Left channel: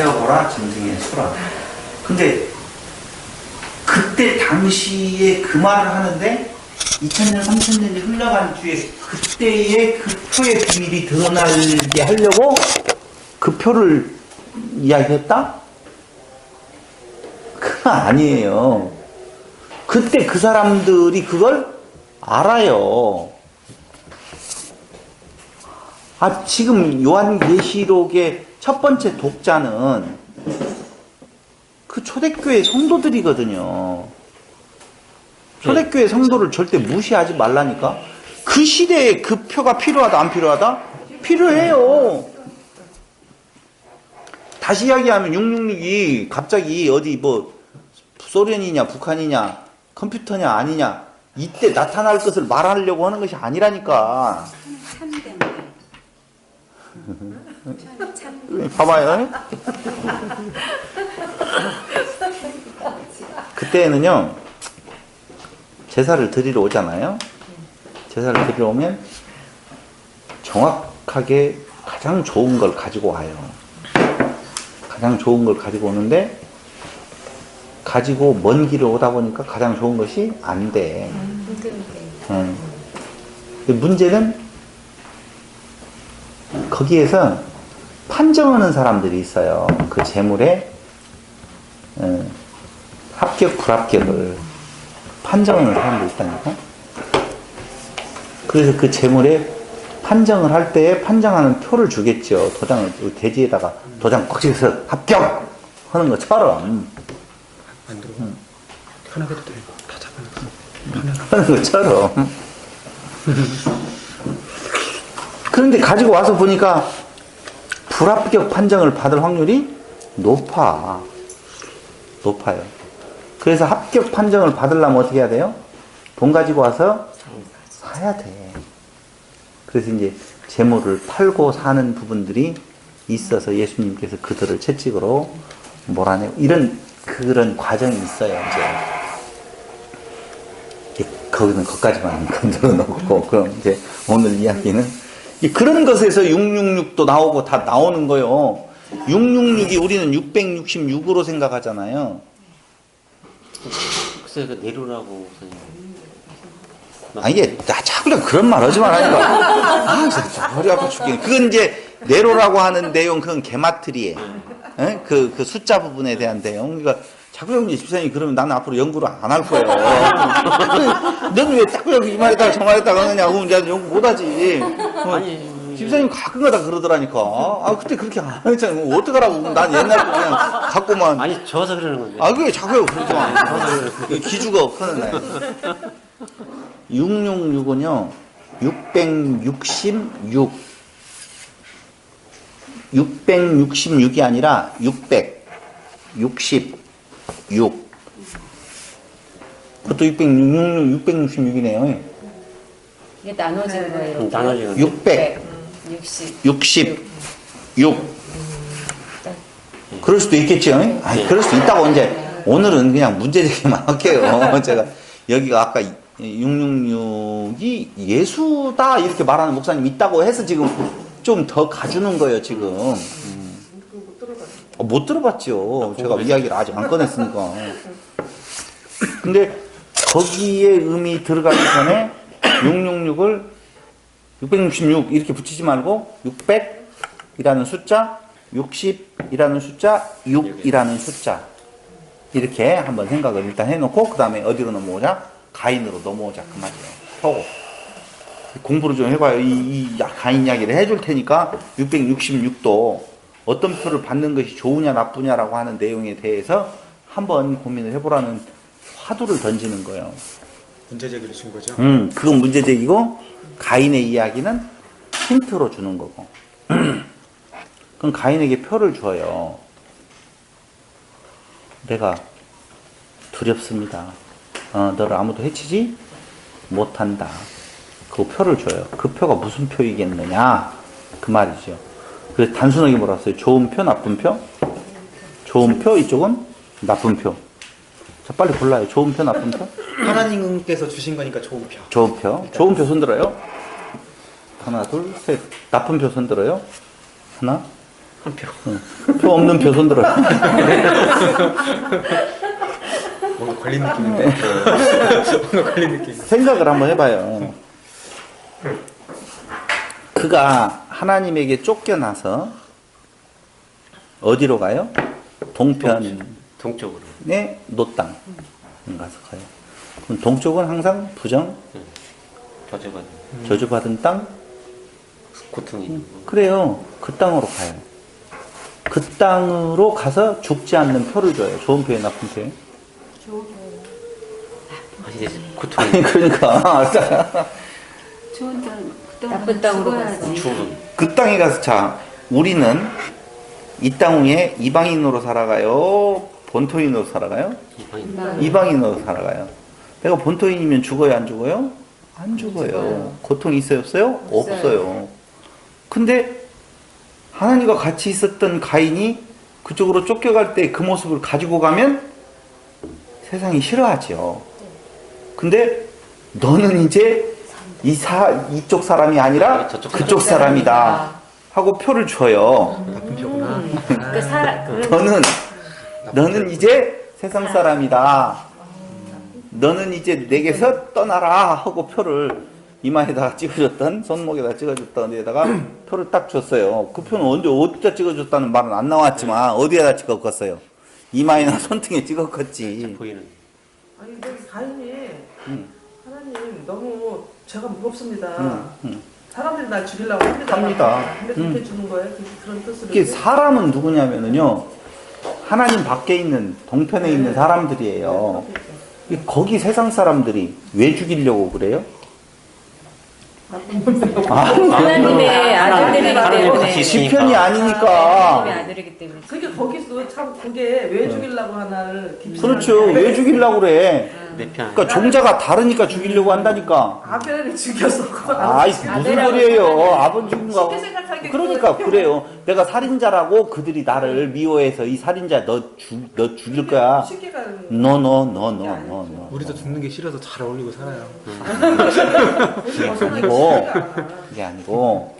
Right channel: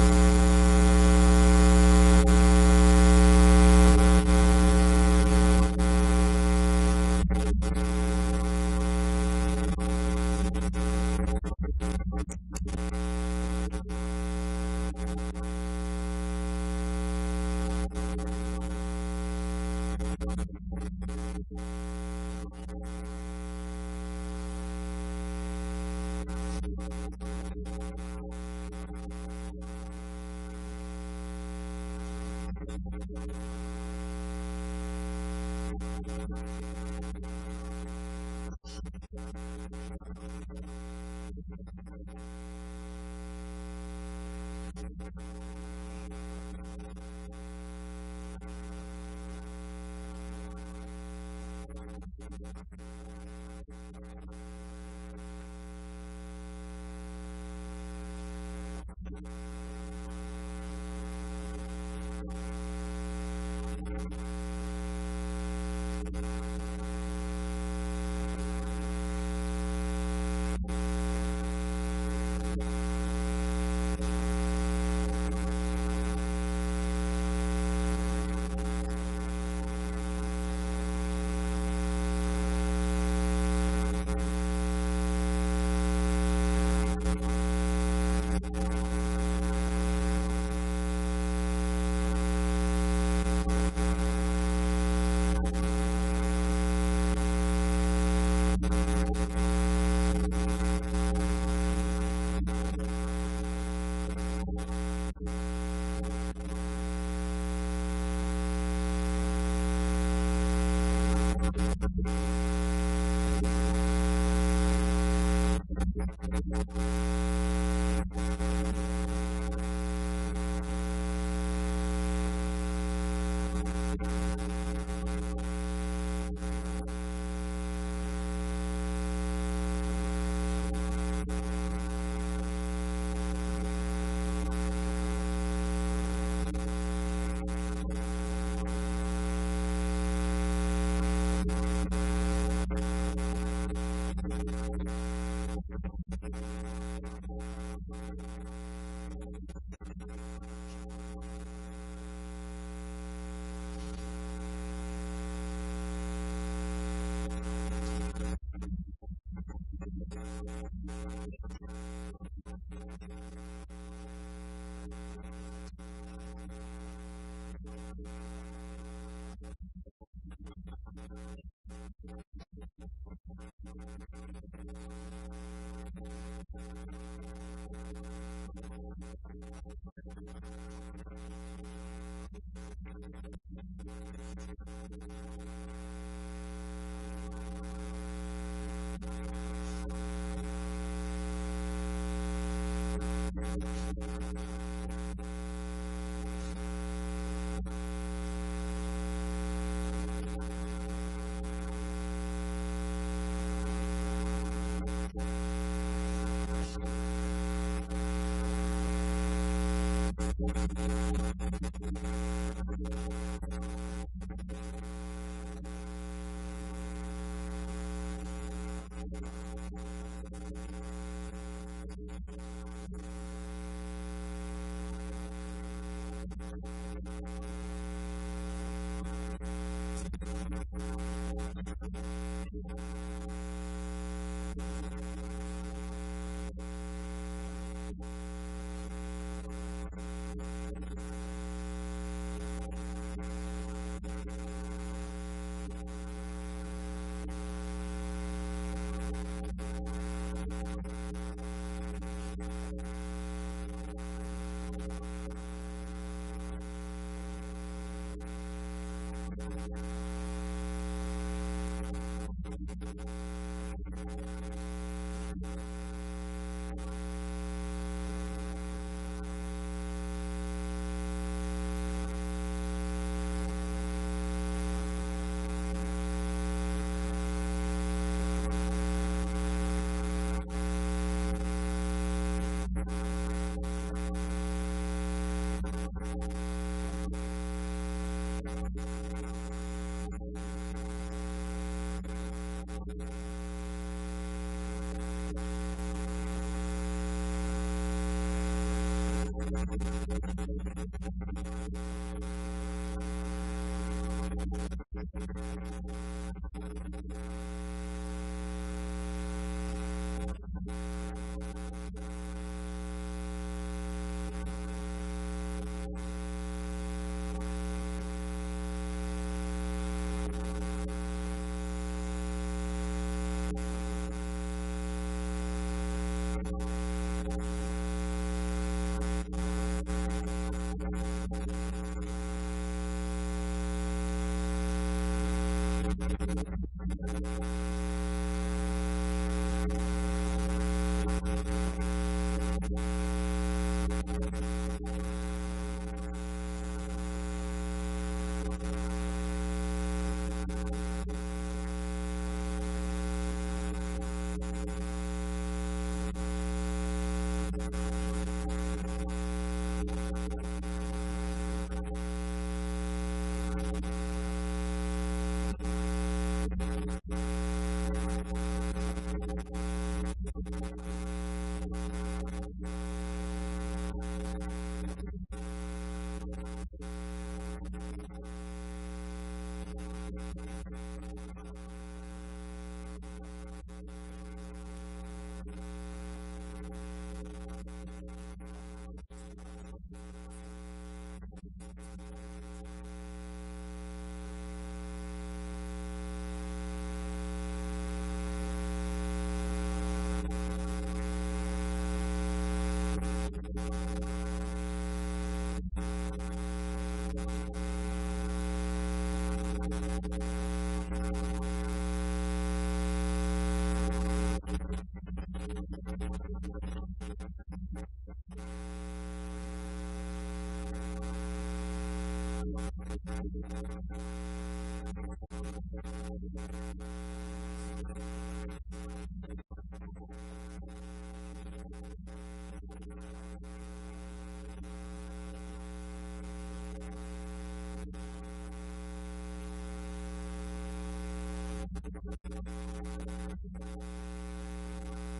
세어보라 짐승의 수라. 근데 그때 당시에 그 말을 하는데 2000년, 3000년이 흘러간 뒤에 그때의 그 표의 비밀이 드러나게 하려고 그 표를 이야기했다? 그건 아니에요. 그때 그 사람들이 그걸 알아요. 지금 요한계시록의 첫 번째 독자는 그 초대교회 성도들이거든요. 초대교회 성도를 절대 무시하지 말라니까. 그 시대에 그 표가 필요하다 안 필요하다? 필요해요. 다시 이야기하면 666이 갑자기 어디 뭐 소련이냐 북한이냐 컴퓨터냐 아니냐 이때 나타날 것을 말하려고 하는 것이 아니라니까. 봐봐요. 그때는요 제사를 드리러 오잖아요. 제사를 드리러 오면 정확하게 가장 좋은 걸 가지고 와요. 가장 좋은 걸 가지고 오는데 가지고 먼 길을 오다 보니까 가장 좋은 것이 안 돼. 문제는 거기에서 판정하는 사람들이 있어요. 그 재물에 합격 불합격을 판정하는 사람들이 있다니까. 그래서 그 재물에 판정을 할 때에 판정하는 표를 주겠죠. 도장을 대지에다가 도장 꽉 찍어서 합격 하는 것처럼 하는 것처럼. 그런데 가지고 와서 보니까 불합격 판정을 받을 확률이 높아요. 그래서 합격 판정을 받으려면 어떻게 해야 돼요? 돈 가지고 와서 사야 돼. 그래서 이제 재물을 팔고 사는 부분들이 있어서 예수님께서 그들을 채찍으로 몰아내고 이런 그런 과정이 있어요. 이제 거기는 거기까지만 건드려 놓고 그럼 이제 오늘 이야기는 그런 것에서 666도 나오고 다 나오는 거예요. 666이 우리는 666으로 생각하잖아요. 글쎄 그 내로라고. 이게 자꾸 그런 말 하지 말라니까. 진짜 허리 아파 죽겠네. 그건 이제 네로라고 하는 내용, 그건 게마트리에 그 숫자 부분에 대한 내용. 그러니까 자꾸 여기 집사님이 그러면 나는 앞으로 연구를 안 할 거예요. 너는 왜 자꾸 여기 이 말에다가 저 말에다가 하느냐고. 이제 연구 못하지. 아니 집사님 가끔가다 그러더라니까. 그때 그렇게 안 했잖아요. 뭐 어떡하라고. 난 옛날 거 그냥 갖고만. 아니 저서 그러는 건데. 그게 자꾸 그러지 마. 기주가 없거든. 666은요 666 666이 아니라 666 그것도 666이네요. 이게 나눠지는 거예요. 나눠지는 666 그럴 수도 있겠죠. 그럴 수도 있다고. 이제 오늘은 그냥 문제 제기만 할게요. 제가 여기가 아까 666이 예수다 이렇게 말하는 목사님 있다고 해서 지금 좀 더 가주는 거예요. 지금 못 들어봤죠. 제가 이야기를 아직 안 꺼냈으니까. 근데 거기에 의미 들어가기 전에 666을 666 이렇게 붙이지 말고 600이라는 숫자, 60이라는 숫자, 6이라는 숫자 이렇게 한번 생각을 일단 해놓고 그 다음에 어디로 넘어오자? 가인으로 넘어오자 그 말이에요. 펴고 공부를 좀 해봐요. 이 가인 이야기를 해줄 테니까 666도 어떤 표를 받는 것이 좋으냐 나쁘냐라고 하는 내용에 대해서 한번 고민을 해보라는 화두를 던지는 거예요. 문제제기를 준 거죠? 그건 문제제기고 가인의 이야기는 힌트로 주는 거고. 그럼 가인에게 표를 줘요. 내가 두렵습니다. 너를 아무도 해치지 못한다. 그 표를 줘요. 그 표가 무슨 표이겠느냐 그 말이죠. 그래서 단순하게 뭐라 했어요? 좋은 표, 나쁜 표? 좋은 표, 이쪽은 나쁜 표. 자, 빨리 골라요. 좋은 표, 나쁜 표? 하나님께서 주신 거니까 좋은 표. 좋은 표. 좋은 표 손들어요. 하나, 둘, 셋. 나쁜 표 손들어요. 하나, 한 표. 표 없는 표 손들어. 뭔가 걸린 느낌인데. 뭔가 걸린 느낌. 생각을 한번 해봐요. 그가 하나님에게 쫓겨나서 어디로 가요? 동편의 동쪽으로. 노땅 가서 가요. 그럼 동쪽은 항상 부정, 저주받. 저주받은 땅? 고통이. 그래요. 그 땅으로 가요. 그 땅으로 가서 죽지 않는 표를 줘요. 좋은 표에 나쁜 표에. 이제 고통이. 아니 그러니까 좋은 땅, 나쁜 땅으로 가서. 죽음. 그 땅에 가서 자 우리는 이 땅 위에 이방인으로 살아가요? 본토인으로 살아가요? 이방인. 이방인으로 살아가요. 내가 본토인이면 죽어요, 안 죽어요? 안 죽어요. 고통이 있어요, 없어요? 없어요. 근데 하나님과 같이 있었던 가인이 그쪽으로 쫓겨갈 때 그 모습을 가지고 가면 세상이 싫어하죠. 근데 너는 이제 이쪽 사람이 아니라 저쪽 그쪽 사람이다 하고 표를 줘요. 나쁜 표구나. 너는 이제 세상 사람이다. 너는 이제 내게서 떠나라 하고 표를 이마에다가 찍어줬던, 손목에다 찍어줬던 데다가 표를 딱 줬어요. 그 표는 어디다 찍어줬다는 말은 안 나왔지만 어디에다 찍었겠어요? 이마에나 손등에 찍었겠지. 보이는. 아니 근데 가인이 하나님 너무 제가 무겁습니다. 사람들이 날 죽이려고 합니다. 근데 그렇게 주는 거예요? 그런 뜻으로. 이게 사람은 누구냐면은요, 하나님 밖에 있는 동편에 있는 사람들이에요. 거기 세상 사람들이 왜 죽이려고 그래요? 하나님의 아들들이기 때문에. 시편이 아니니까. 하나님의 아들이기 때문에. 그게 거기서 참 그게 왜 죽이려고 하나를 깊이 그렇죠. 생각해. 왜 죽이려고 그래? 내 편. 그러니까 종자가 다르니까 죽이려고 한다니까. 아벨을 죽였어. 아이 무슨 소리예요? 아버지 죽인가? 쉽게 생각하기 그러니까 그래요. 내가 살인자라고 그들이 나를 미워해서 이 살인자 너 죽일 거야. 쉽게 가는 No. 우리도 죽는 게 싫어서 잘 어울리고 살아요. 아니고 이게 아니고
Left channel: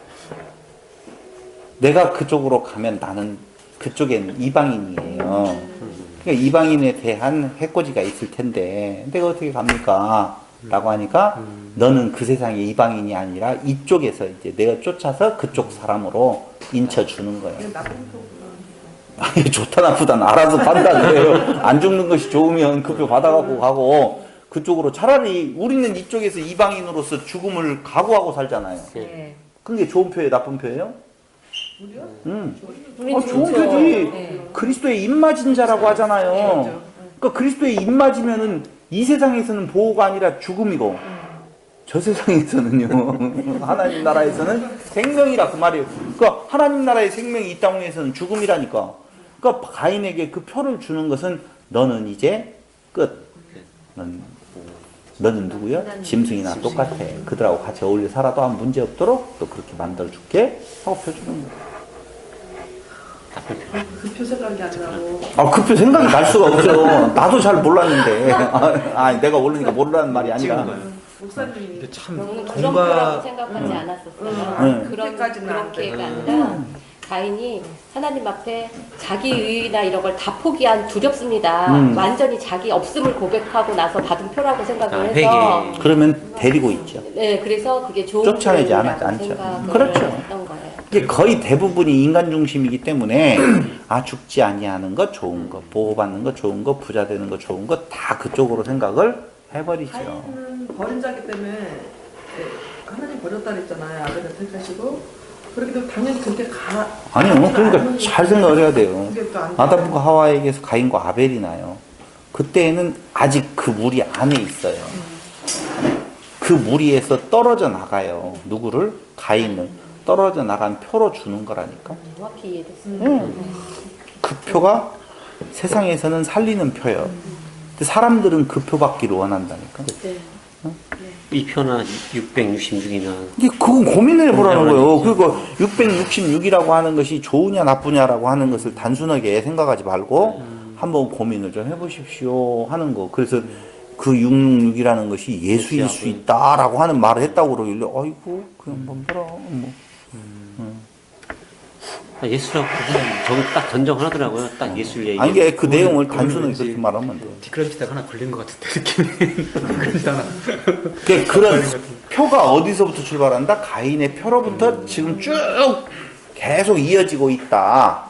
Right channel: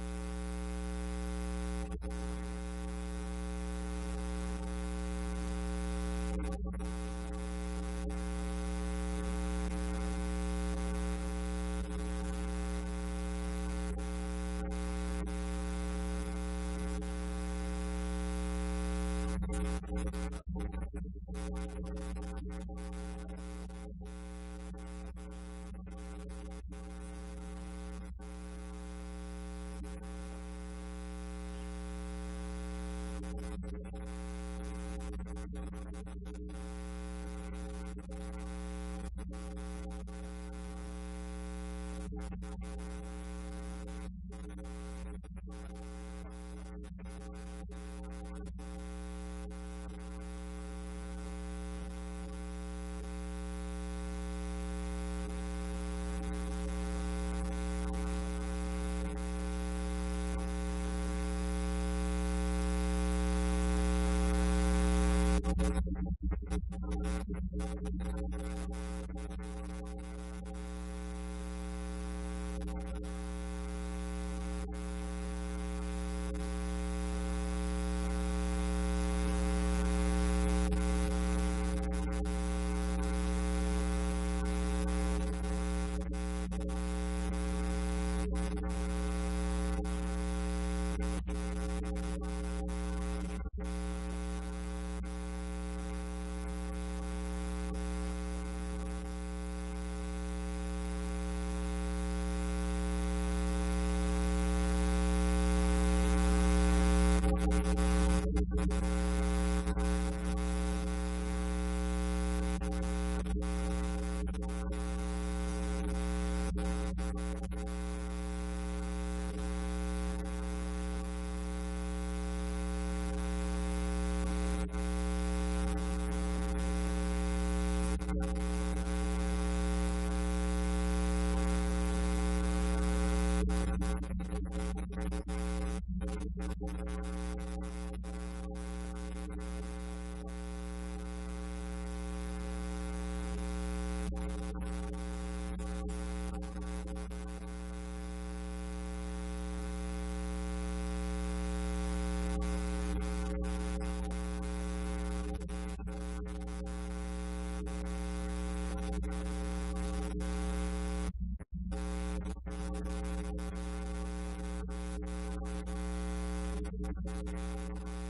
내가 그쪽으로 가면 나는 그쪽에는 이방인이에요. 그러니까 이방인에 대한 해코지가 있을 텐데 내가 어떻게 갑니까? 라고 하니까 너는 그 세상의 이방인이 아니라 이쪽에서 이제 내가 쫓아서 그쪽 사람으로 인쳐주는 거예요. 아니, 좋다 나쁘다는 알아서 판단해요. 안 죽는 것이 좋으면 급여 받아갖고 가고 그쪽으로 차라리 우리는 이쪽에서 이방인으로서 죽음을 각오하고 살잖아요. 네. 그게 좋은 표예요, 나쁜 표예요? 우린 좋은 좋죠. 표지. 네. 그리스도의 입맞은 자라고 하잖아요. 그러니까 그리스도의 입맞으면은 이 세상에서는 보호가 아니라 죽음이고 저 세상에서는요 하나님 나라에서는 생명이라 그 말이에요. 그러니까 하나님 나라의 생명이 이 땅에서는 죽음이라니까. 그러니까 가인에게 그 표를 주는 것은 너는 이제 끝. 너는 누구야? 짐승이나 똑같아. 그들하고 같이 어울려 살아도 아무 문제 없도록 또 그렇게 만들어줄게 하고 펴주는 거야. 그표 생각이 안 나고. 아, 그 표 생각이 날 수가 없죠. 나도 잘 몰랐는데. 내가 모르니까 모르라는 말이 아니라. 목사님이 근데 참 너무 그런 거라고 공과 생각하지 않았었어요. 응. 그렇게가 아니라 가인이 하나님 앞에 자기 의의나 이런 걸 다 포기한 두렵습니다. 완전히 자기 없음을 고백하고 나서 받은 표라고 생각을 해서 회개. 그러면 데리고 있죠. 네, 그래서 그게 좋은 쫓아내지 표라고 않죠. 생각을 그렇죠. 했던 거예요. 이게 거의 대부분이 인간 중심이기 때문에 죽지 아니하는 것 좋은 거, 보호받는 거 좋은 거, 부자 되는 거 좋은 거 다 그쪽으로 생각을 해버리죠. 가인은 버린 자기 때문에 하나님 버렸다 그랬잖아요. 아들을 택하시고 그렇게 되면 당연히 그렇게 가. 아니요. 그러니까 잘 생각을 해야 돼요. 그게 또안 아담과 하와에게서 가인과 아벨이 나요. 그때는 아직 그 무리 안에 있어요. 그 무리에서 떨어져 나가요. 누구를? 가인을. 떨어져 나간 표로 주는 거라니까. 정확히 이해됐어요. 그 표가 세상에서는 살리는 표예요. 근데 사람들은 그 표 받기를 원한다니까. 네. 이 표나 666이나 이게 그건 고민을 해보라는 거예요. 그리고 666이라고 하는 것이 좋으냐 나쁘냐라고 하는 것을 단순하게 생각하지 말고 한번 고민을 좀 해보십시오 하는 거. 그래서 그 666이라는 것이 예수일 수 있다라고 하는 말을 했다고 그러길래 아이고 그냥 뭐라 뭐. 예수라고 저기 딱 전정하더라고요. 딱 예술 얘기. 아니 이게 그 내용을 그거는 단순하게 왠지 그렇게 말하면 돼. 디크라비스타가 하나 걸린 것 같은데 느낌이. 디크라비스타 하나. 그런 표가 어디서부터 출발한다? 가인의 표로부터 지금 쭉 계속 이어지고 있다.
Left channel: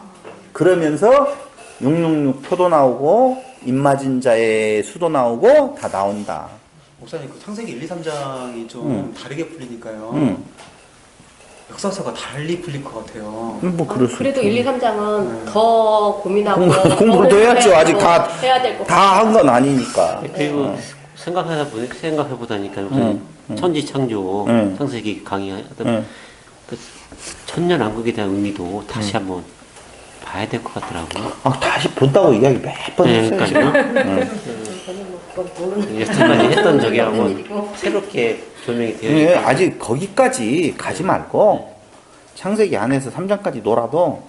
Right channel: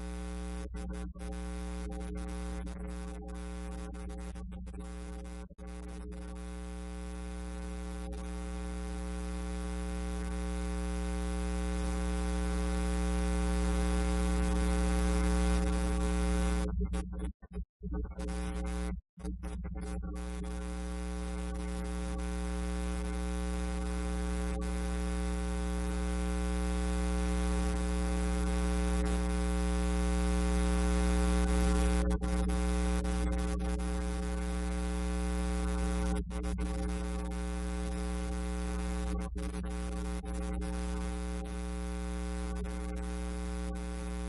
그러면서 666 표도 나오고 입맞은 자의 수도 나오고 다 나온다. 목사님 그 창세기 1, 2, 3장이 좀 다르게 풀리니까요. 응. 역사서가 달리 풀릴 것 같아요. 뭐 그럴 수 그래도 있죠. 1, 2, 3장은 더 고민하고 공부를 더 해야죠. 아직 다 해야 될 것 다 한 건 아니니까. 그리고 생각해 보다니까 응, 천지 창조 응. 창세기 강의하던 응. 그 천년왕국에 대한 의미도 다시 한번 봐야 될 것 같더라고요. 아, 다시 본다고 이야기 몇 번 네, 했어요. 그러니까요. 여태까지 했던 적이 한번 새롭게 조명이 되어 예, 있고 아직 거기까지 가지 말고 창세기 안에서 3장까지 놀아도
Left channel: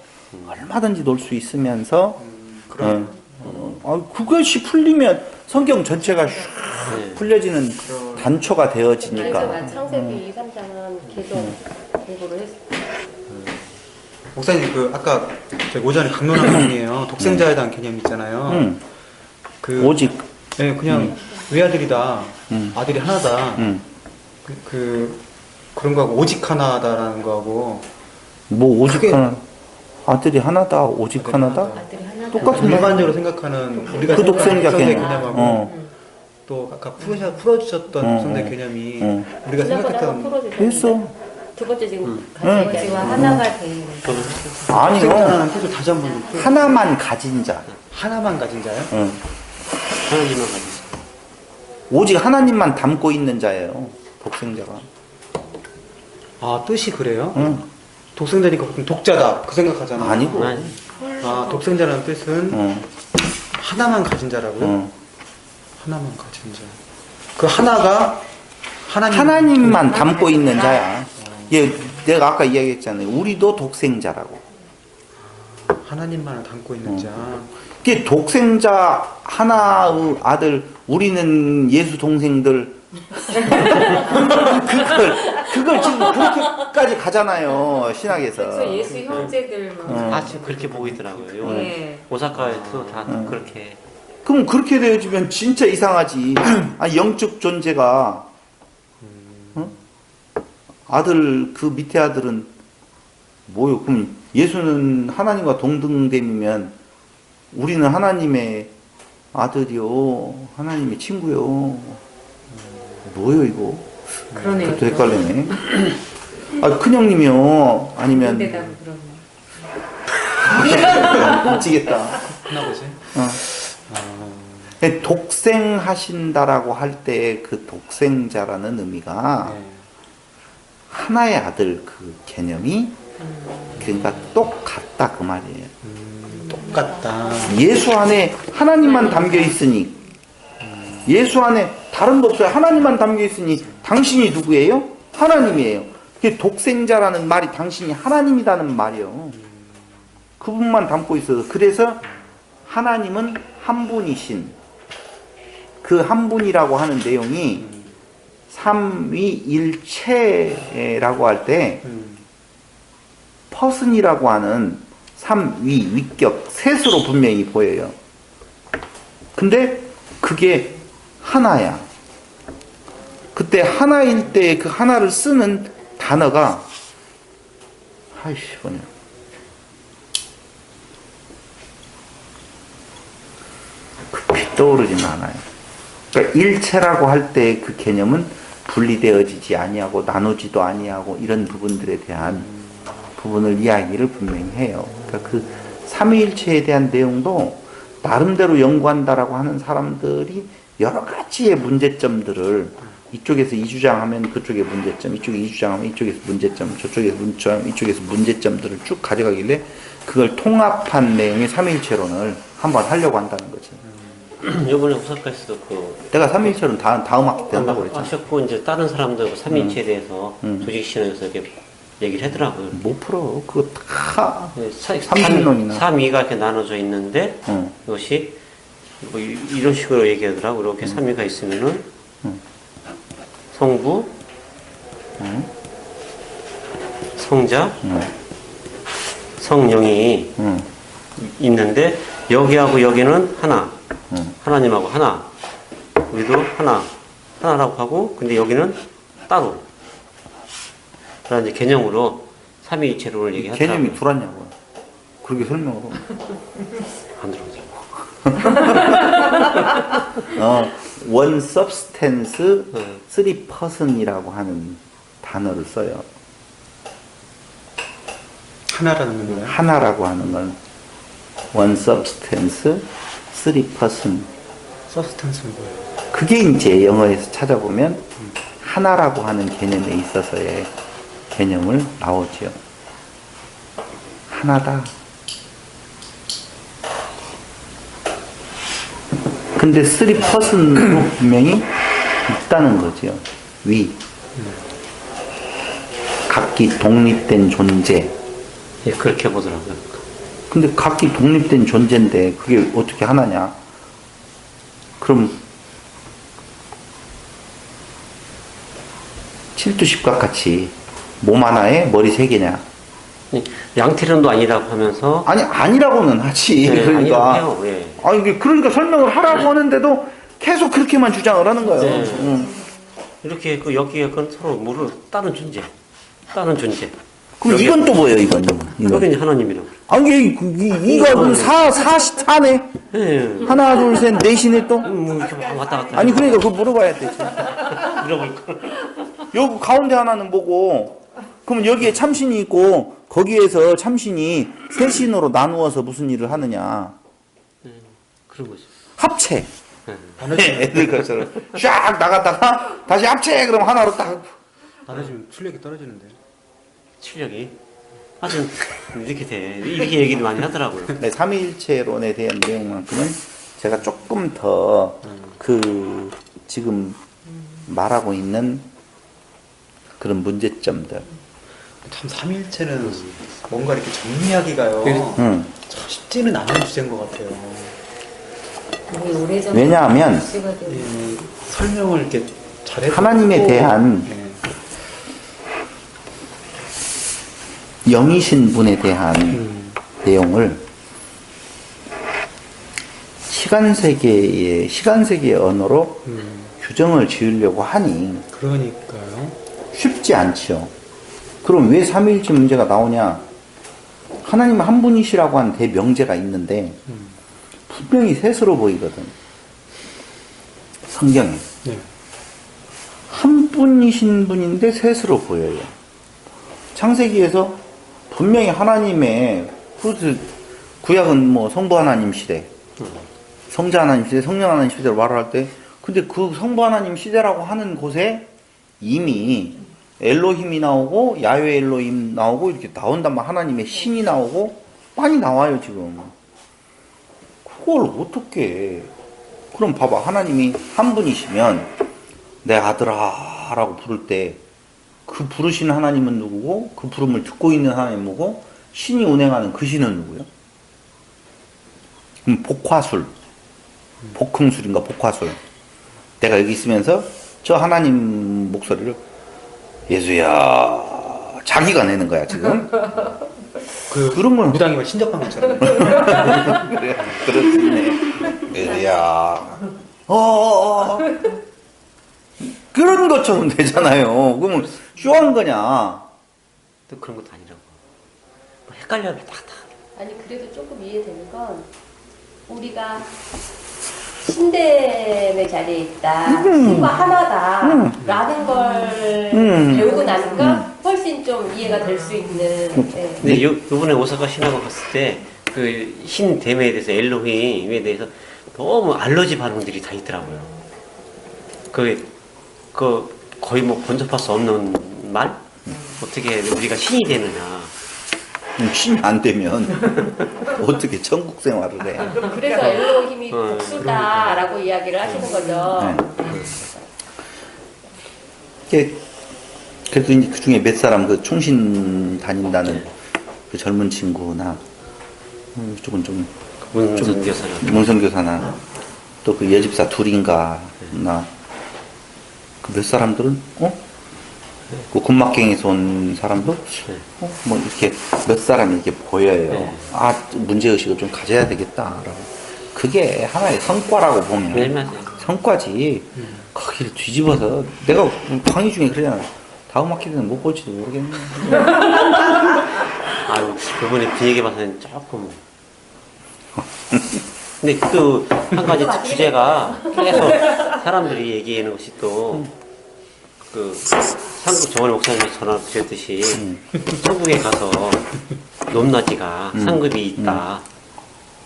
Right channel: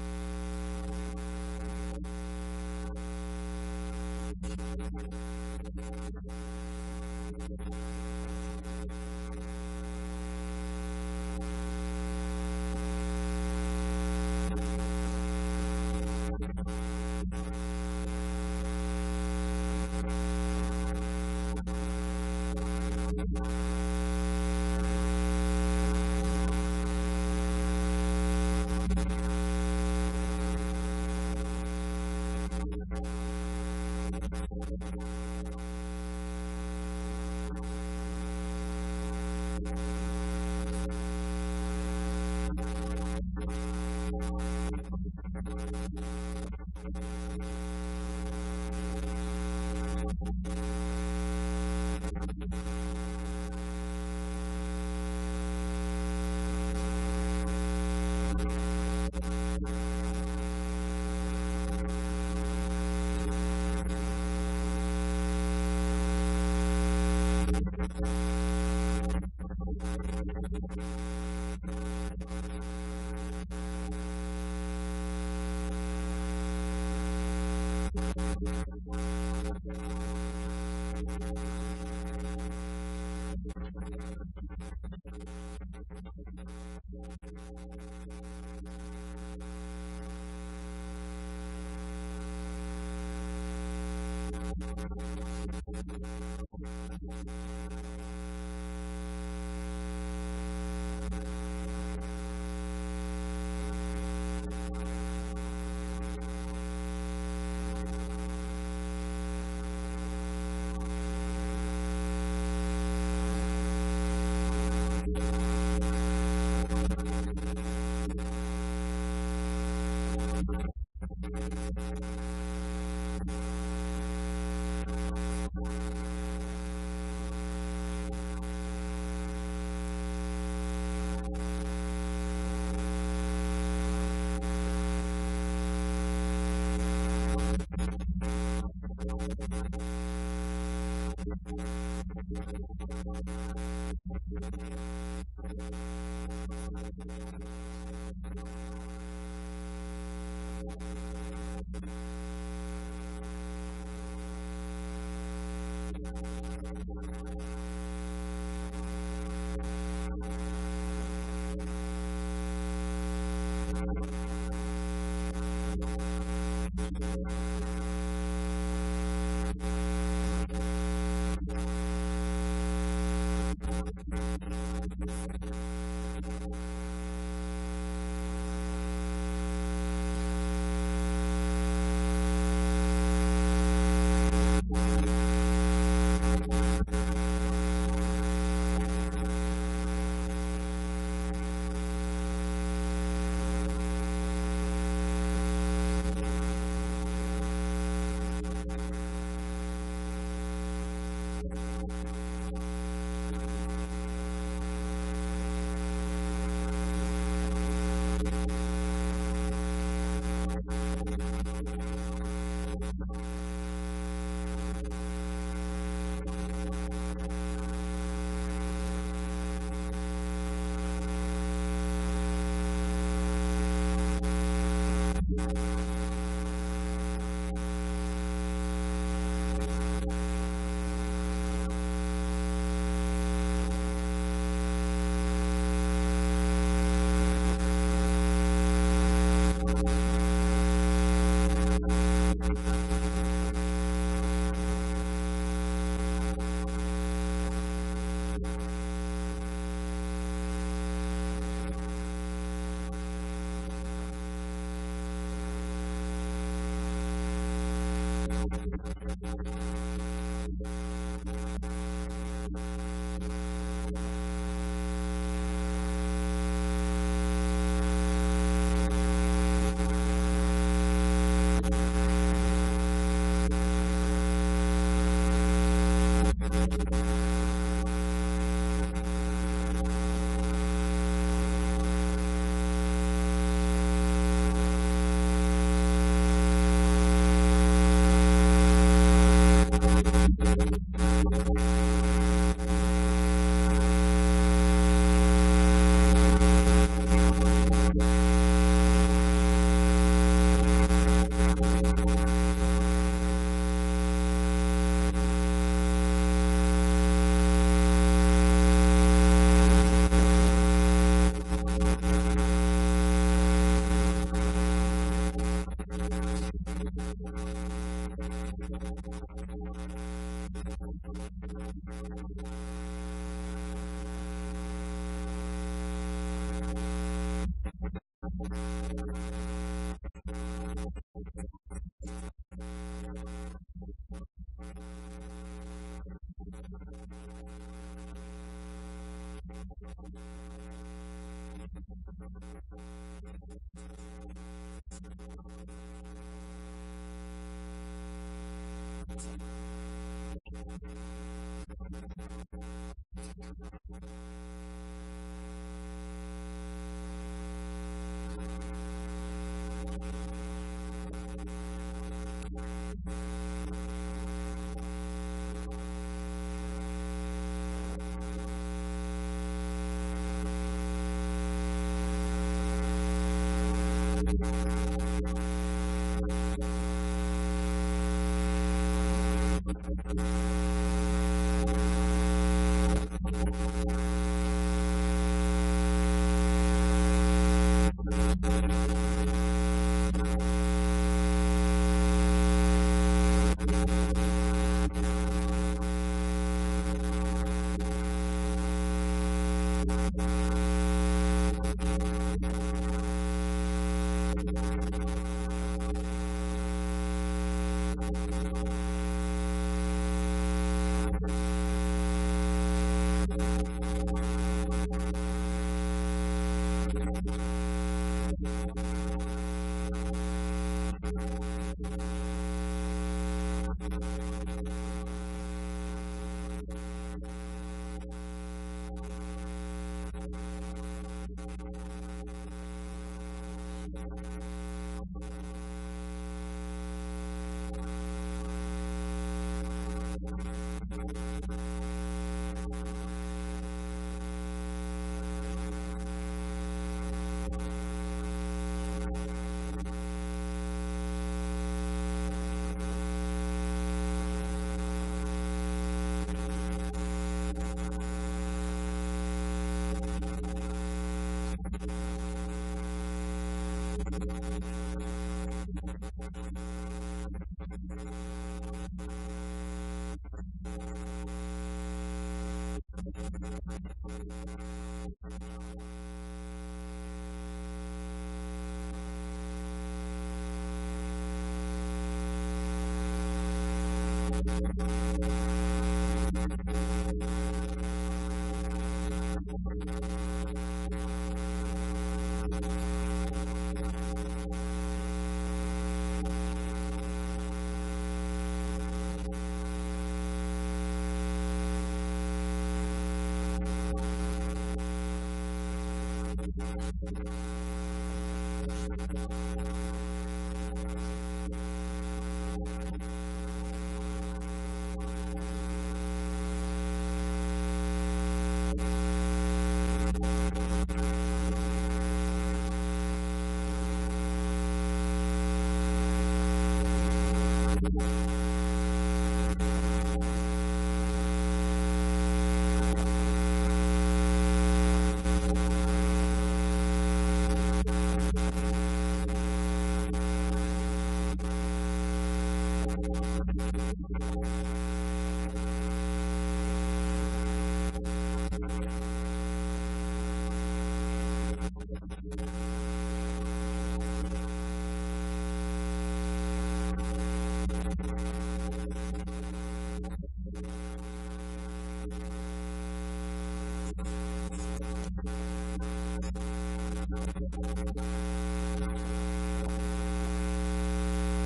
얼마든지 놀 수 있으면서 그것이 풀리면 성경 전체가 슉 네. 풀려지는 단초가 되어지니까. 그래서 창세기 2, 3장은 계속 공부를 했어요. 목사님 그 아까 저희 오전에 강론한 내용이에요. 독생자에 대한 개념 있잖아요. 그 오직 네, 그냥 외아들이다, 아들이 하나다. 그런 거하고 오직 하나다라는 거하고 뭐 오직 그게- 하나 아들이 하나다 오직 하나다 아들이 하나 똑같은 말. 일반적으로 생각하는 우리가 그 독생자 생각하는 개념. 개념하고 또 아까 풀어주셨던 독생자 개념이 우리가 지난번에 생각했던 한번 풀어주셨는데 했어. 두 번째 지금 응. 같이 얘기하는 하나가 돼. 아니요. 독생자라는 뜻을 다시 한번 하나만 가진 자. 하나만 가진 자요? 응. 하나님만 가지고 오직 하나님만 담고 있는 자예요. 독생자가. 아 뜻이 그래요? 응. 독생자니까 보통 독자다 그 생각하잖아요. 아니고. 아니, 아 독생자라는 뜻은 응. 하나만 가진 자라고요? 응. 하나만 가진 자. 그 하나가 하나님만 담고 있는 자야. 예, 내가 아까 이야기했잖아요. 우리도 독생자라고. 하나님만을 담고 있는 자. 그게 독생자 하나의 아들, 우리는 예수 동생들. 그걸 지금 그렇게까지 가잖아요. 신학에서. 그래서 예수 형제들 막. 아 지금 그렇게 보이더라고요. 네. 오사카에도 다 그렇게 그럼 그렇게 되어지면 진짜 이상하지. 아니, 영적 존재가 어? 아들 그 밑에 아들은 뭐요? 그럼 예수는 하나님과 동등됨이면 우리는 하나님의 아들이요, 하나님의 친구요. 뭐요 이거? 그러네요. 또 헷갈리네. 아, 큰형님이요, 아니면 대답 미치겠다. 하나보지. 독생하신다라고 할 때 그 독생자라는 의미가 하나의 아들 그 개념이 그러니까 똑같다 그 말이에요. 똑같다. 예수 안에 하나님만 담겨 있으니 예수 안에 다른 거 없어요. 하나님만 담겨 있으니 당신이 누구예요? 하나님이에요. 그게 독생자라는 말이 당신이 하나님이라는 말이요. 그분만 담고 있어요. 그래서 하나님은 한 분이신 그 한 분이라고 하는 내용이 삼위일체라고 할 때 퍼슨이라고 하는 삼위, 위격, 셋으로 분명히 보여요. 근데 그게 하나야. 그때 하나일 때 그 하나를 쓰는 단어가 아이씨 뭐냐 급히 떠오르진 않아요. 그러니까 일체라고 할 때 그 개념은 분리되어지지 아니하고 나누지도 아니하고 이런 부분들에 대한 부분을 이야기를 분명히 해요. 그러니까 그 삼위일체에 대한 내용도 나름대로 연구한다라고 하는 사람들이 여러 가지의 문제점들을 이쪽에서 이 주장하면 그쪽에 문제점, 이쪽에 이 주장하면 이쪽에서 문제점, 저쪽에서 문제점, 이쪽에서 문제점들을 쭉 가져가길래 그걸 통합한 내용의 삼위일체론을 한번 하려고 한다는 거지. 이번에 오사카에서도 그 내가 삼위일체론 다음 학기 때 한다고 그랬잖아. 하셨고 이제 다른 사람들 삼위일체에 대해서 조직신학에서 이렇게 얘기를 하더라고요. 못 풀어. 그거 다 삼신론이나. 삼위가 이렇게 나눠져 있는데 이것이 뭐 이런 식으로 얘기하더라고. 이렇게 삼위가 있으면은 성부, 성자, 성령이 있는데 여기하고 여기는 하나. 하나님하고 하나. 우리도 하나라고 하고 근데 여기는 따로. 그런 이제 개념으로 삼위일체론을 얘기하더라고요. 개념이 둘았냐고. 그렇게 설명을 하고. 안 들어보죠. one substance, three person이라고 하는 단어를 써요. 하나라는 거예요. 하나라고 하는 건 one substance, three person. 서스텐스. 그게 이제 영어에서 찾아보면 하나라고 하는 개념에 있어서의 개념을 나오죠. 하나다. 근데 쓰리 퍼슨으로 분명히 있다는 거죠. 위. 각기 독립된 존재. 예, 그렇게 보더라고요. 근데 각기 독립된 존재인데 그게 어떻게 하나냐? 그럼 7두10각 같이 몸 하나에 머리 3개냐? 양태론도 아니라고 하면서 아니 아니라고는 하지. 네, 그러니까 아니라고 해요. 예. 아니 그러니까 설명을 하라고 하는데도 계속 그렇게만 주장을 하는 거예요. 네. 이렇게 그 여기에 그건 서로 모르는 다른 존재. 그럼 이건 또 뭐예요? 이건 여기는 하나님이라고. 아니 이거 사네. 예. 하나 둘 셋 넷이네 또. 뭐 이렇게 막 왔다 갔다. 아니 그러니까 그거 물어봐야 되지. 물어볼 거. 여기 가운데 하나는 뭐고? 그러면 여기에 참신이 있고 거기에서 참신이 세 신으로 나누어서 무슨 일을 하느냐? 그런 거죠. 합체. 네. 애들 것처럼 쫙 나갔다가 다시 합체 그럼 하나로 딱. 나눠지면 출력이 떨어지는데. 출력이 아주 이렇게 돼. 이렇게 얘기를 많이 하더라고요. 네, 삼위일체론에 대한 내용만큼은 제가 조금 더 그 지금 말하고 있는 그런 문제점들. 참 삼일체는 뭔가 이렇게 정리하기가요. 참 쉽지는 않은 주제인 것 같아요. 왜냐하면 설명을 이렇게 잘해서 하나님에 대한 영이신 분에 대한 내용을 시간세계의 언어로 규정을 지으려고 하니 그러니까요. 쉽지 않죠. 그럼 왜 삼위일체 문제가 나오냐? 하나님 한 분이시라고 하는 대명제가 있는데 분명히 셋으로 보이거든. 성경에. 네. 한 분이신 분인데 셋으로 보여요. 창세기에서 분명히 하나님의 구약은 뭐 성부 하나님 시대, 성자 하나님 시대, 성령 하나님 시대를 말할 때 근데 그 성부 하나님 시대라고 하는 곳에 이미 엘로힘이 나오고 야훼 엘로힘 나오고 이렇게 나온단 말 하나님의 신이 나오고 많이 나와요 지금. 그걸 어떻게 그럼 봐봐 하나님이 한 분이시면 내 아들아 라고 부를 때 그 부르시는 하나님은 누구고 그 부름을 듣고 있는 하나님은 누구고 신이 운행하는 그 신은 누구요? 그럼 복화술 복흥술인가 복화술 내가 여기 있으면서 저 하나님 목소리를 예수야 자기가 내는 거야 지금. 그런 건 무당이가 신접한 것처럼. 그래, 그렇네. 예수야. 그런 것처럼 되잖아요. 그러면 쇼한 거냐? 또 그런 것도 아니죠. 헷갈려요. 다. 아니 그래도 조금 이해되는 건 우리가 신됨의 자리에 있다, 신과 하나다라는 걸 배우고 나니까 훨씬 좀 이해가 될 수 있는. 네. 근데 요번에 오사카 신학원 갔을 때 그 신됨에 대해서 엘로힘에 대해서 너무 알러지 반응들이 다 있더라고요. 그 거의 뭐 번접할 수 없는 말? 어떻게 우리가 신이 되느냐. 신이 안 되면 어떻게 천국 생활을 해? 그래서 엘로힘이 복수다라고 이야기를 하시는 거죠. 네. 그래도 이제 그 중에 몇 사람 그 총신 다닌다는 그 젊은 친구나 조금 좀 문선교사나 또 그 여집사 둘인가 나 그 몇 사람들은 그 군막갱에서 온 사람도 뭐 이렇게 몇 사람이 이렇게 보여요. 네. 아, 문제의식을 좀 가져야 되겠다. 그게 하나의 성과라고 보면 네, 맞아요. 성과지. 거기를 뒤집어서 내가 강의 중에 그러잖아. 다음 학기는 못 볼지도 모르겠네. 아유, 그분의 그 얘기 봐서는 조금. 근데 또 한 가지 주제가 계속 사람들이 얘기하는 것이 또 그 상급 저번에 목사님이 전화 드렸듯이 천국에 가서 높낮이가 상급이 있다.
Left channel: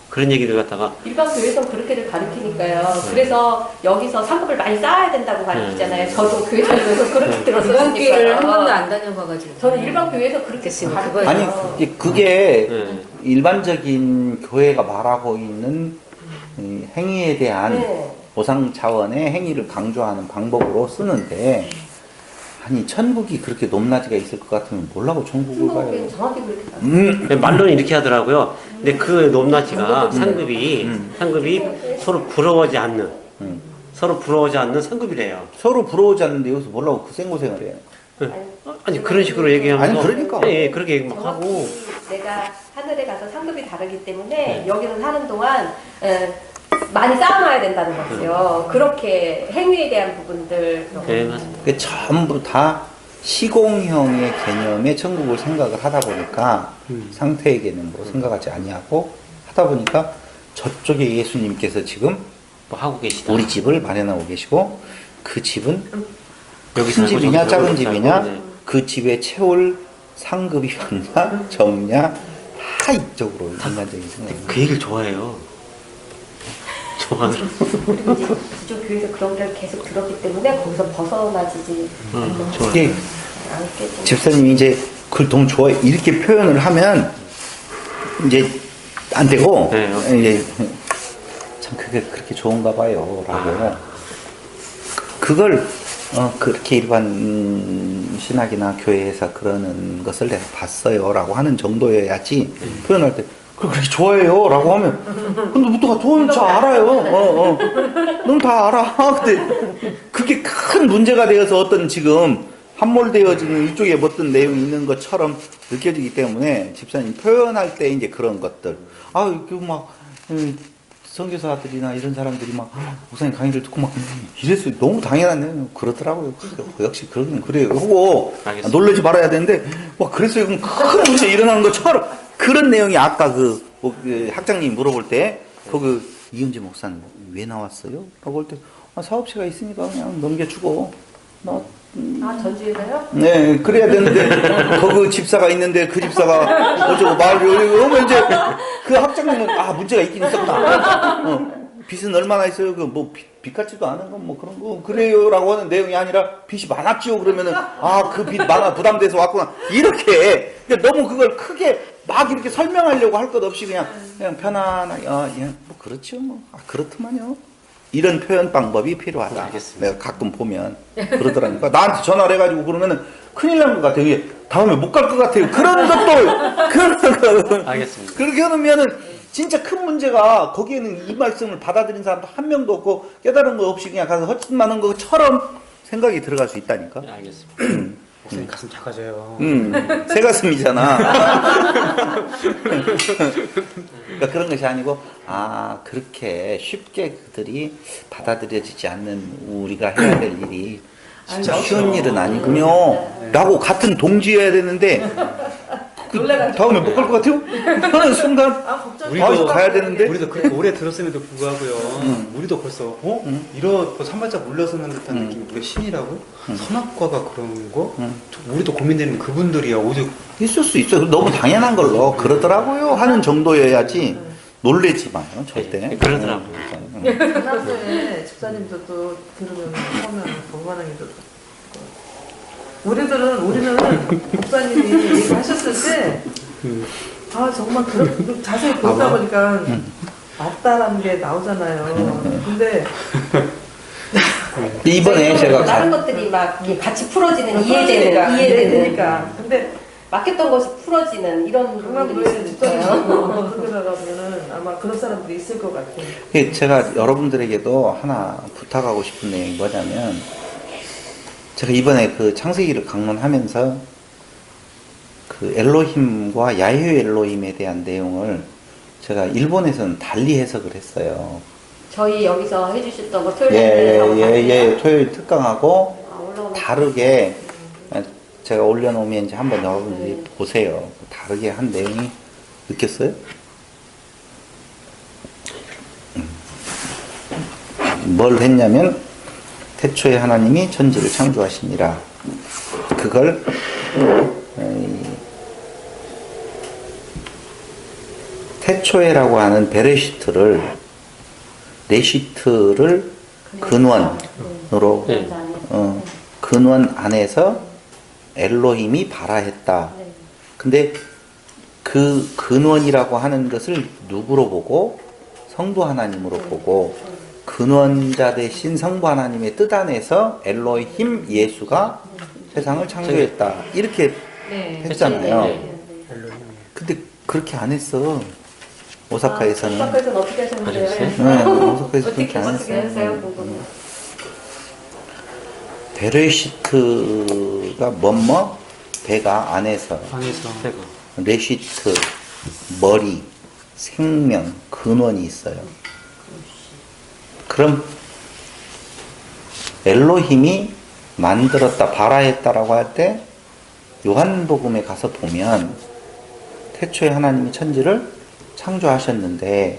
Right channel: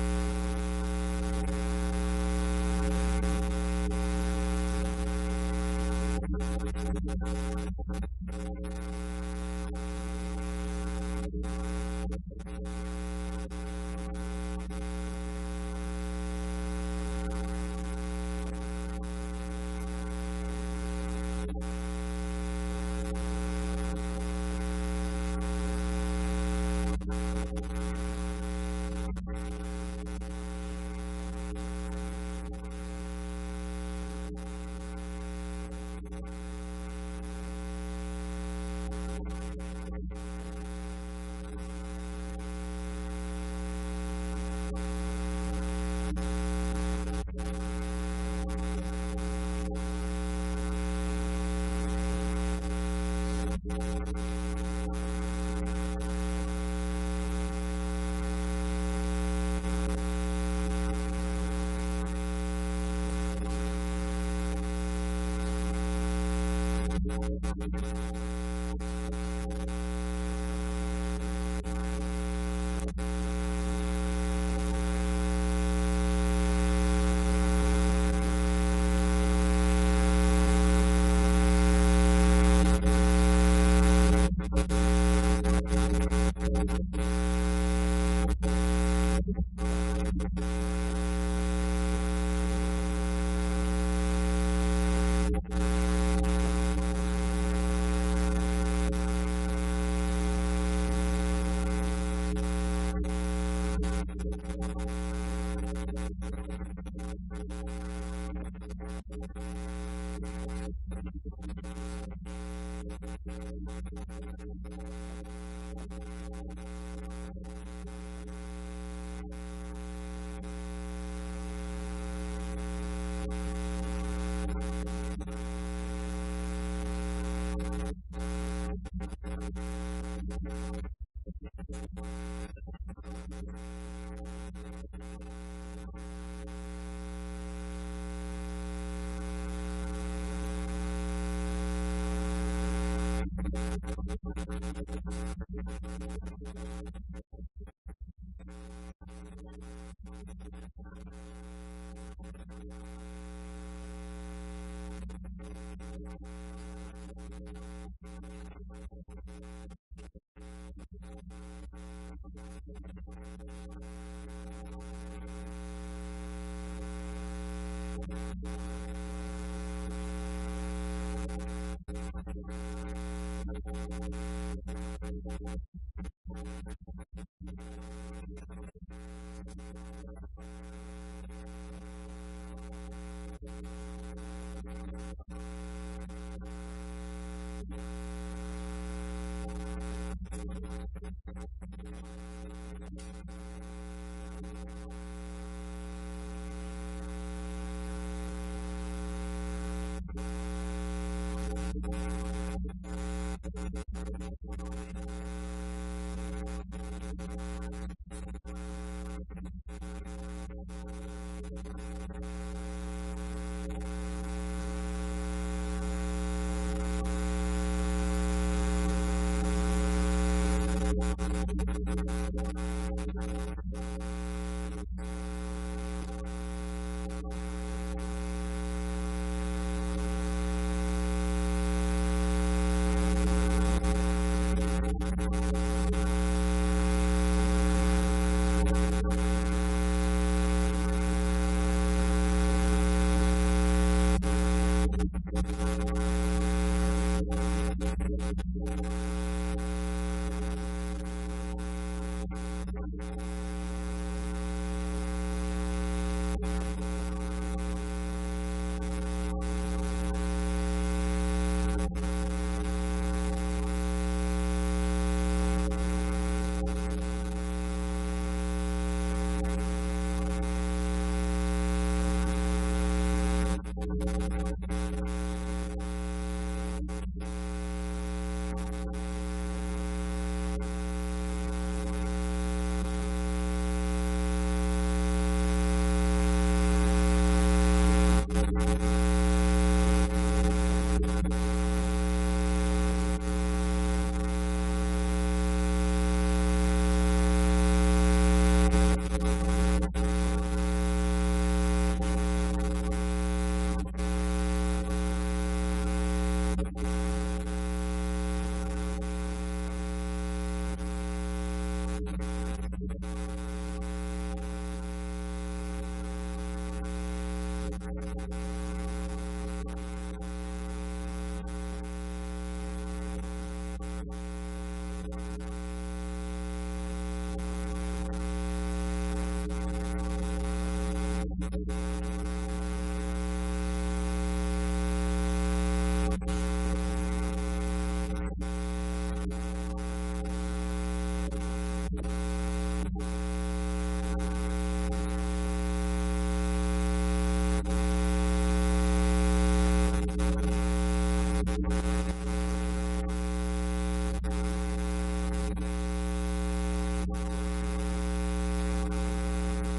그런 얘기를 갖다가 일반 교회에서 그렇게들 가르치니까요. 그래서 여기서 상급을 많이 쌓아야 된다고 가르치잖아요. 저도 교회 다니면서 그렇게 일반 교회를 한 번도 들었으니까요. 안 다녀봐가지고. 저는 일반 교회에서 그렇게 가르쳐요. 아니, 그게 네. 일반적인 교회가 말하고 있는 행위에 대한 네. 보상 차원의 행위를 강조하는 방법으로 쓰는데, 아니, 천국이 그렇게 높낮이가 있을 것 같으면 몰라고 천국을 가요. 천국은 정확히 그렇게 가요. 말로는 이렇게 하더라고요. 근데 그 높낮이가 상급이 서로 부러워하지 않는 서로 부러워하지 않는 상급이래요. 서로 부러워지 않는데 여기서 뭐라고 그 생고생을 해요. 아니 그런 식으로 얘기하면서 아니, 그러니까. 예, 그렇게 막 하고 정확히 내가 하늘에 가서 상급이 다르기 때문에 여기서 사는 동안 많이 쌓아놔야 된다는 거죠. 그렇게 행위에 대한 부분들. 네, 맞습니다. 그게 전부 다 시공형의 개념의 천국을 생각을 하다 보니까 상태에게는 뭐 생각하지 아니하고 하다 보니까 저쪽에 예수님께서 지금 뭐 하고 계시다. 우리 집을 마련하고 계시고, 그 집은 여기서 큰 집이냐 살고 작은 저기서 집이냐, 살고, 네. 그 집에 채울 상급이 많냐 적냐, 다 이쪽으로 인간적인 생각. 그 얘기를 좋아해요. 좋아하더라고요. 이제 그쪽 교회에서 그런 걸 계속 들었기 때문에 거기서 벗어나지지 좋아요. 이게 않겠죠. 집사님이 이제 그걸 너무 좋아해 이렇게 표현을 하면 이제 안 되고, 네. 이제 참 그게 그렇게 좋은가 봐요 라고 그걸 그렇게 일반 신학이나 교회에서 그러는 것을 내가 봤어요 라고 하는 정도여야지, 표현할 때 그렇게 좋아해요 라고 하면 근데 누가 좋아하는 줄 알아요. 넌 다 알아. 근데 그게 큰 문제가 되어서 어떤 지금 함몰되어지는 일종의 어떤 내용이 있는 것처럼 느껴지기 때문에 집사님 표현할 때 이제 그런 것들, 선교사들이나 이런 사람들이 막 목사님 강의를 듣고 막 이랬어요. 너무 당연하네. 그러더라고요. 역시 그러긴 그래요. 하고 알겠습니다. 놀라지 말아야 되는데 막 그랬어요. 그럼 큰 문제 일어나는 것처럼 그런 내용이 아까 그 학장님이 물어볼 때 그 이은지 목사는 왜 나왔어요? 라고 할 때 사업체가 있으니까 그냥 넘겨주고 전주에서요? 네, 그래야 되는데, 거기 집사가 있는데, 그 집사가 어쩌고 말을, 그러면 이제, 그 학장님은, 문제가 있긴 있었구나. 빚은 얼마나 있어요? 빚 같지도 않은 건 뭐 그런 거, 그래요. 라고 하는 내용이 아니라, 빚이 많았지요. 그러면은, 그 빚 많아, 부담돼서 왔구나. 이렇게, 그러니까 너무 그걸 크게 막 이렇게 설명하려고 할 것 없이 그냥 편안하게, 뭐, 그렇죠. 뭐, 그렇더만요. 이런 표현 방법이 필요하다. 알겠습니다. 내가 가끔 보면 그러더라니까. 나한테 전화를 해가지고 그러면은 큰일 난 것 같아요. 이게 다음에 못 갈 것 같아요. 그런 것도 알겠습니다. 그렇게 해놓으면은 진짜 큰 문제가, 거기에는 이 말씀을 받아들인 사람도 한 명도 없고 깨달은 거 없이 그냥 가서 헛짓하는 것처럼 생각이 들어갈 수 있다니까. 네, 알겠습니다. 목사님 가슴 작아져요. 새 가슴이잖아. 그러니까 그런 것이 아니고, 그렇게 쉽게 그들이 받아들여지지 않는 우리가 해야 될 일이 진짜 쉬운 일은 아니군요. 라고 같은 동지여야 되는데, 다음에 못 갈 것 같아요? 하는 순간, 가야 되는데. 우리도 그렇게 오래 들었음에도 불구하고요. 우리도 벌써 벌써 한 발짝 물러서는 듯한 느낌이, 우리가 신이라고? 선악과가 그런 거? 우리도 고민되는 그분들이야. 오직 있을 수 있어요. 너무 당연한 걸로 그러더라고요 하는 정도여야지 놀래지 마요, 절대. 네, 그러더라고요. 지난번에 집사님도 또 들으면 처음에 얼마나 우리는 목사님이 얘기하셨을 때 정말 자세히 보다 보니까 맞다라는 게 나오잖아요. 근데 이번에 제가 다른 것들이 막 이렇게 같이 풀어지는 이해되니까. 이해되니까 근데 맡겼던 것이 풀어지는 이런 정말 부분들이 왜 있어요. 집사님이 그러다 보면은 아마 그런 사람들이 있을 것 같아요. 제가 여러분들에게도 하나 부탁하고 싶은 내용이 뭐냐면, 제가 이번에 그 창세기를 강론하면서 그 엘로힘과 야훼 엘로힘에 대한 내용을 제가 일본에서는 달리 해석을 했어요. 저희 여기서 해주셨던 거 예, 토요일 예, 예, 토요일 특강하고 올라오면 다르게 제가 올려놓으면 이제 한번 여러분들이 보세요. 다르게 한 내용이 느꼈어요? 뭘 했냐면 태초에 하나님이 천지를 창조하시니라. 그걸 태초에라고 하는 베레시트를 레시트를 근원으로 네. 근원 안에서 엘로힘이 발아했다. 근데 그 근원이라고 하는 것을 누구로 보고? 성부 하나님으로 보고 근원자 대신 성부 하나님의 뜻 안에서 엘로힘 예수가 세상을 창조했다. 이렇게 네. 했잖아요. 네. 근데 그렇게 안 했어. 오사카에서는. 오사카에서는 어떻게 하셨는데요? 네, 오사카에서 어떻게 그렇게 안 어떻게 했어요. 했어요? 베레시트가 뭐뭐? 배가 안에서. 방에서 레시트, 머리, 생명, 근원이 있어요. 그럼 엘로힘이 만들었다, 발아했다라고 할 때 요한복음에 가서 보면 태초에 하나님이 천지를 창조하셨는데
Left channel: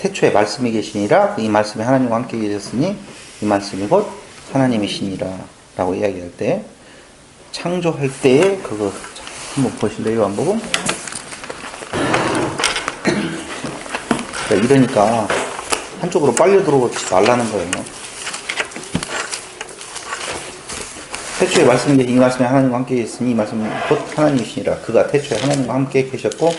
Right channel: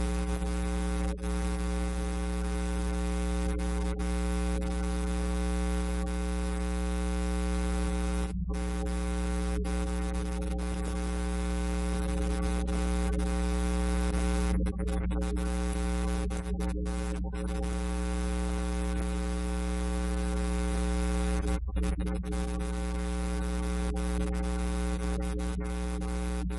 태초에 말씀이 계시니라 이 말씀이 하나님과 함께 계셨으니 이 말씀이 곧 하나님이시니라 라고 이야기할 때 창조할 때에 그거 한번 보실래요? 요한복음? 이러니까 한쪽으로 빨려 들어오지 말라는 거예요. 태초에 말씀이 계신 이 말씀이 하나님과 함께 계셨으니 이 말씀은 곧 하나님이시니라. 그가 태초에 하나님과 함께 계셨고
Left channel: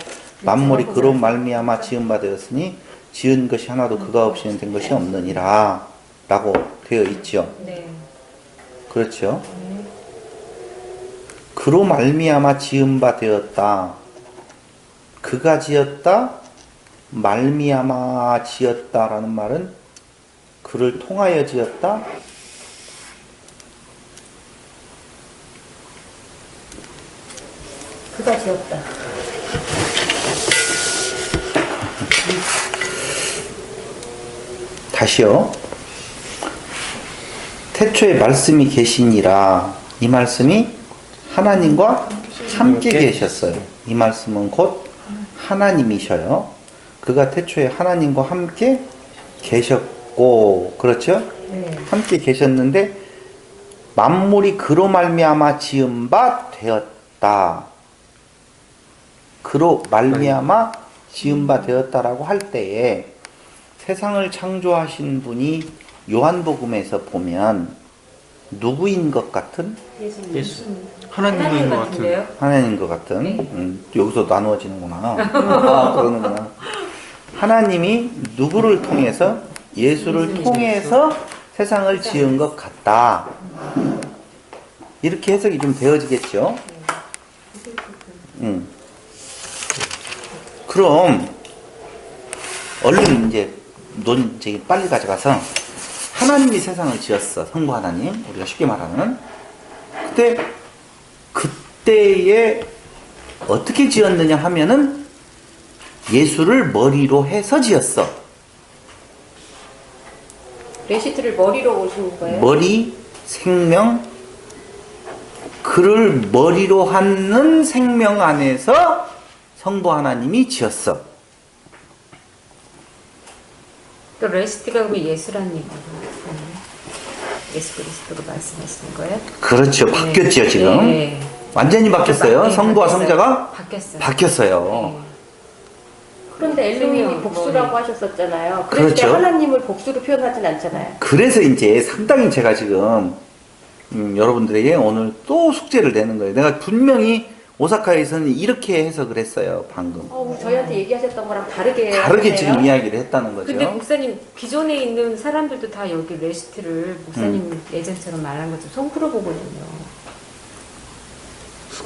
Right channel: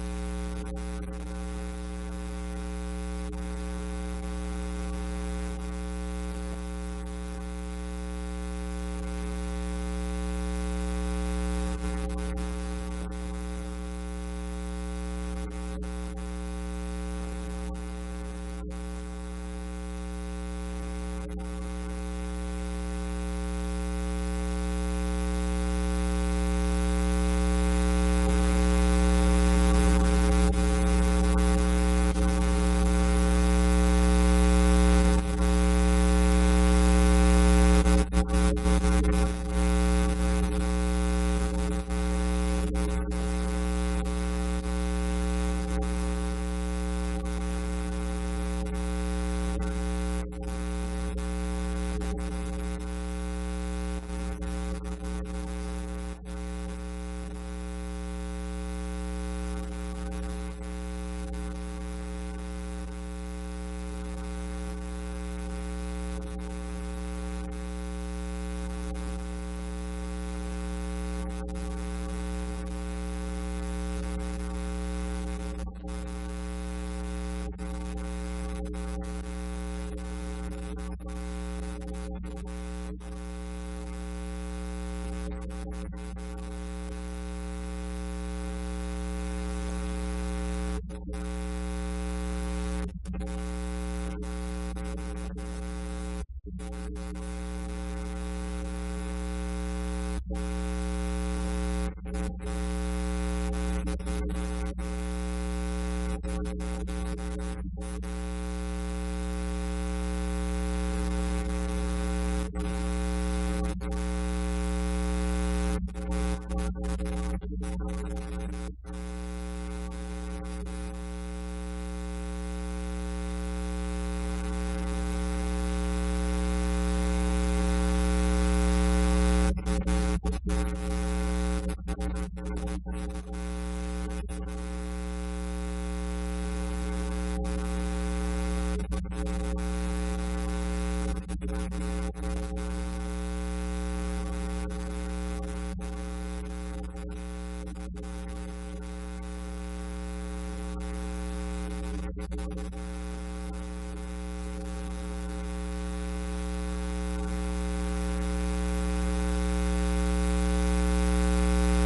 만물이 그로 말미암아 지은 바 되었으니 지은 것이 하나도 그가 없이는 된 것이 없느니라 라고 되어 있죠. 네. 그렇죠. 그로 말미암아 지은 바 되었다. 그가 지었다, 말미암아 지었다라는 말은 그를 통하여 지었다. 그가 지었다. 다시요. 태초에 말씀이 계시니라. 이 말씀이 하나님과 함께 계셨어요. 이 말씀은 곧 하나님이셔요. 그가 태초에 하나님과 함께 계셨고, 그렇죠? 네. 함께 계셨는데 만물이 그로 말미암아 지은 바 되었다. 그로 말미암아 지은 바 되었다라고 할 때에 세상을 창조하신 분이 요한복음에서 보면 누구인 것 같은? 예수. 하나님인 것 같은. 하나님인 것 같은. 여기서 나누어지는구나. 아, 그러는구나. 하나님이 누구를 통해서? 예수를 통해서 세상을 지은 것 같다. 이렇게 해석이 좀 되어지겠죠. 그럼 얼른 이제 저기 빨리 가져가서 하나님이 세상을 지었어. 성부 하나님, 우리가 쉽게 말하는. 그때에 어떻게 지었느냐 하면은 예수를 머리로 해서 지었어. 레시트를 머리로 오신 거예요? 머리, 생명, 그를 머리로 하는 생명 안에서 성부 하나님이 지었어. 또 레시피가 그럼 예수라는 얘기예요. 예수 그리스도로 말씀하시는 거예요? 그렇죠. 바뀌었죠, 지금. 네. 완전히 바뀌었어요. 네, 성부와 바뀌었어요. 성자가 바뀌었어요. 바뀌었어요. 그런데 엘로힘이 생명, 복수라고 머리. 하셨었잖아요. 그럴 때 그렇죠. 하나님을 복수로 표현하진 않잖아요. 그래서 이제 상당히 제가 지금 여러분들에게 오늘 또 숙제를 내는 거예요. 내가 분명히 오사카에서는 이렇게 해석을 했어요. 방금. 저희한테 얘기하셨던 거랑 다르게 다르게 하세요? 지금 이야기를 했다는 거죠. 근데 목사님 기존에 있는 사람들도 다 여기 레시트를 목사님 예전처럼 말한 것처럼 성부로 보거든요.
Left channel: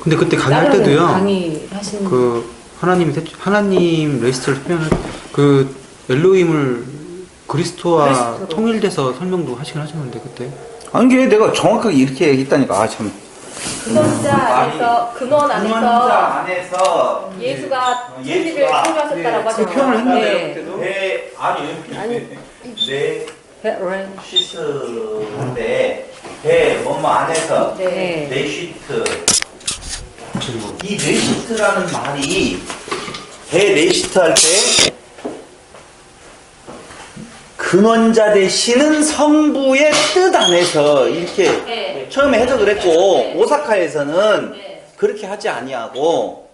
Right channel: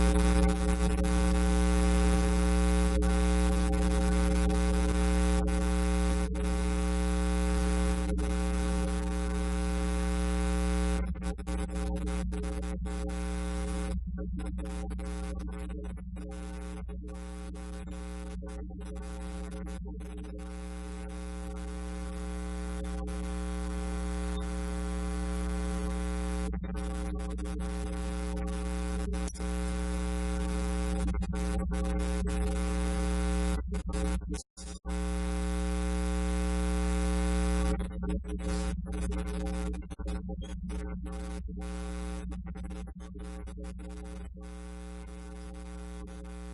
근데 그때 강의할 다른 때도요. 강의하시는 그 하나님 레시트를 표현을 엘로힘을 그리스도와 그리스도로. 통일돼서 설명도 하시긴 하셨는데 그때 아니, 이게 내가 정확하게 이렇게 얘기했다니까. 아, 참. 근원자 안에서 근원 안에서 예수가 예수가 천지를 창조하셨다라고 하잖아요. 그 표현을 했는데요, 네. 그때도. 네, 아니, 네, 시스인데, 배, 뭐뭐 안에서, 네. 네시트. 이 네시트라는 말이, 배 네시트 할 때, 근원자 되시는 성부의 뜻 안에서 이렇게 네. 처음에 해석을 했고, 네. 오사카에서는 네. 그렇게 하지 아니하고,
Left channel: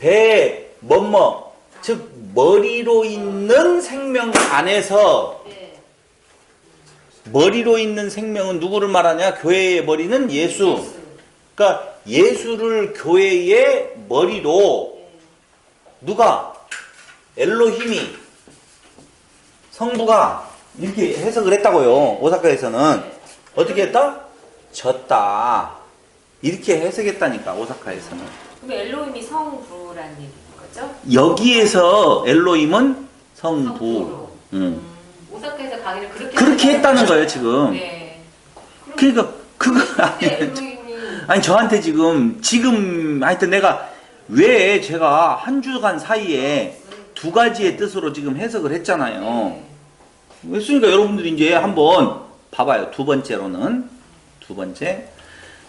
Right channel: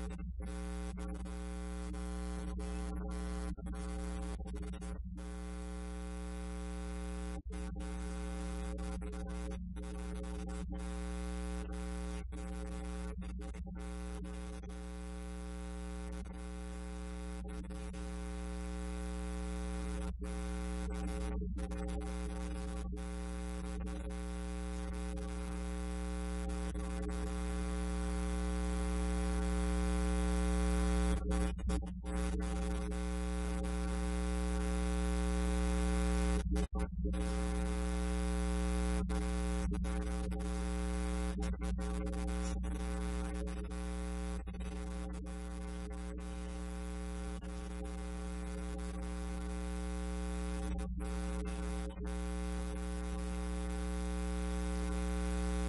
배, 뭐뭐, 즉, 머리로 있는 생명 안에서, 네. 머리로 있는 생명은 누구를 말하냐? 교회의 머리는 예수. 그러니까 예수를 교회의 머리로 누가? 엘로힘이, 성부가 이렇게 해석을 했다고요. 오사카에서는. 어떻게 했다? 졌다. 이렇게 해석했다니까, 오사카에서는. 그럼 엘로힘이 성부라는 거죠? 여기에서 엘로힘은 성부. 성부로. 오사카에서 강의를 그렇게 했다는 거예요, 지금. 네. 그러니까 그거 아니, 엘로힘이 아니 저한테 지금 하여튼 내가 왜 제가 한 주간 사이에 두 가지의 뜻으로 지금 해석을 했잖아요. 했으니까 여러분들이 이제 한번 봐봐요. 두 번째로는 두 번째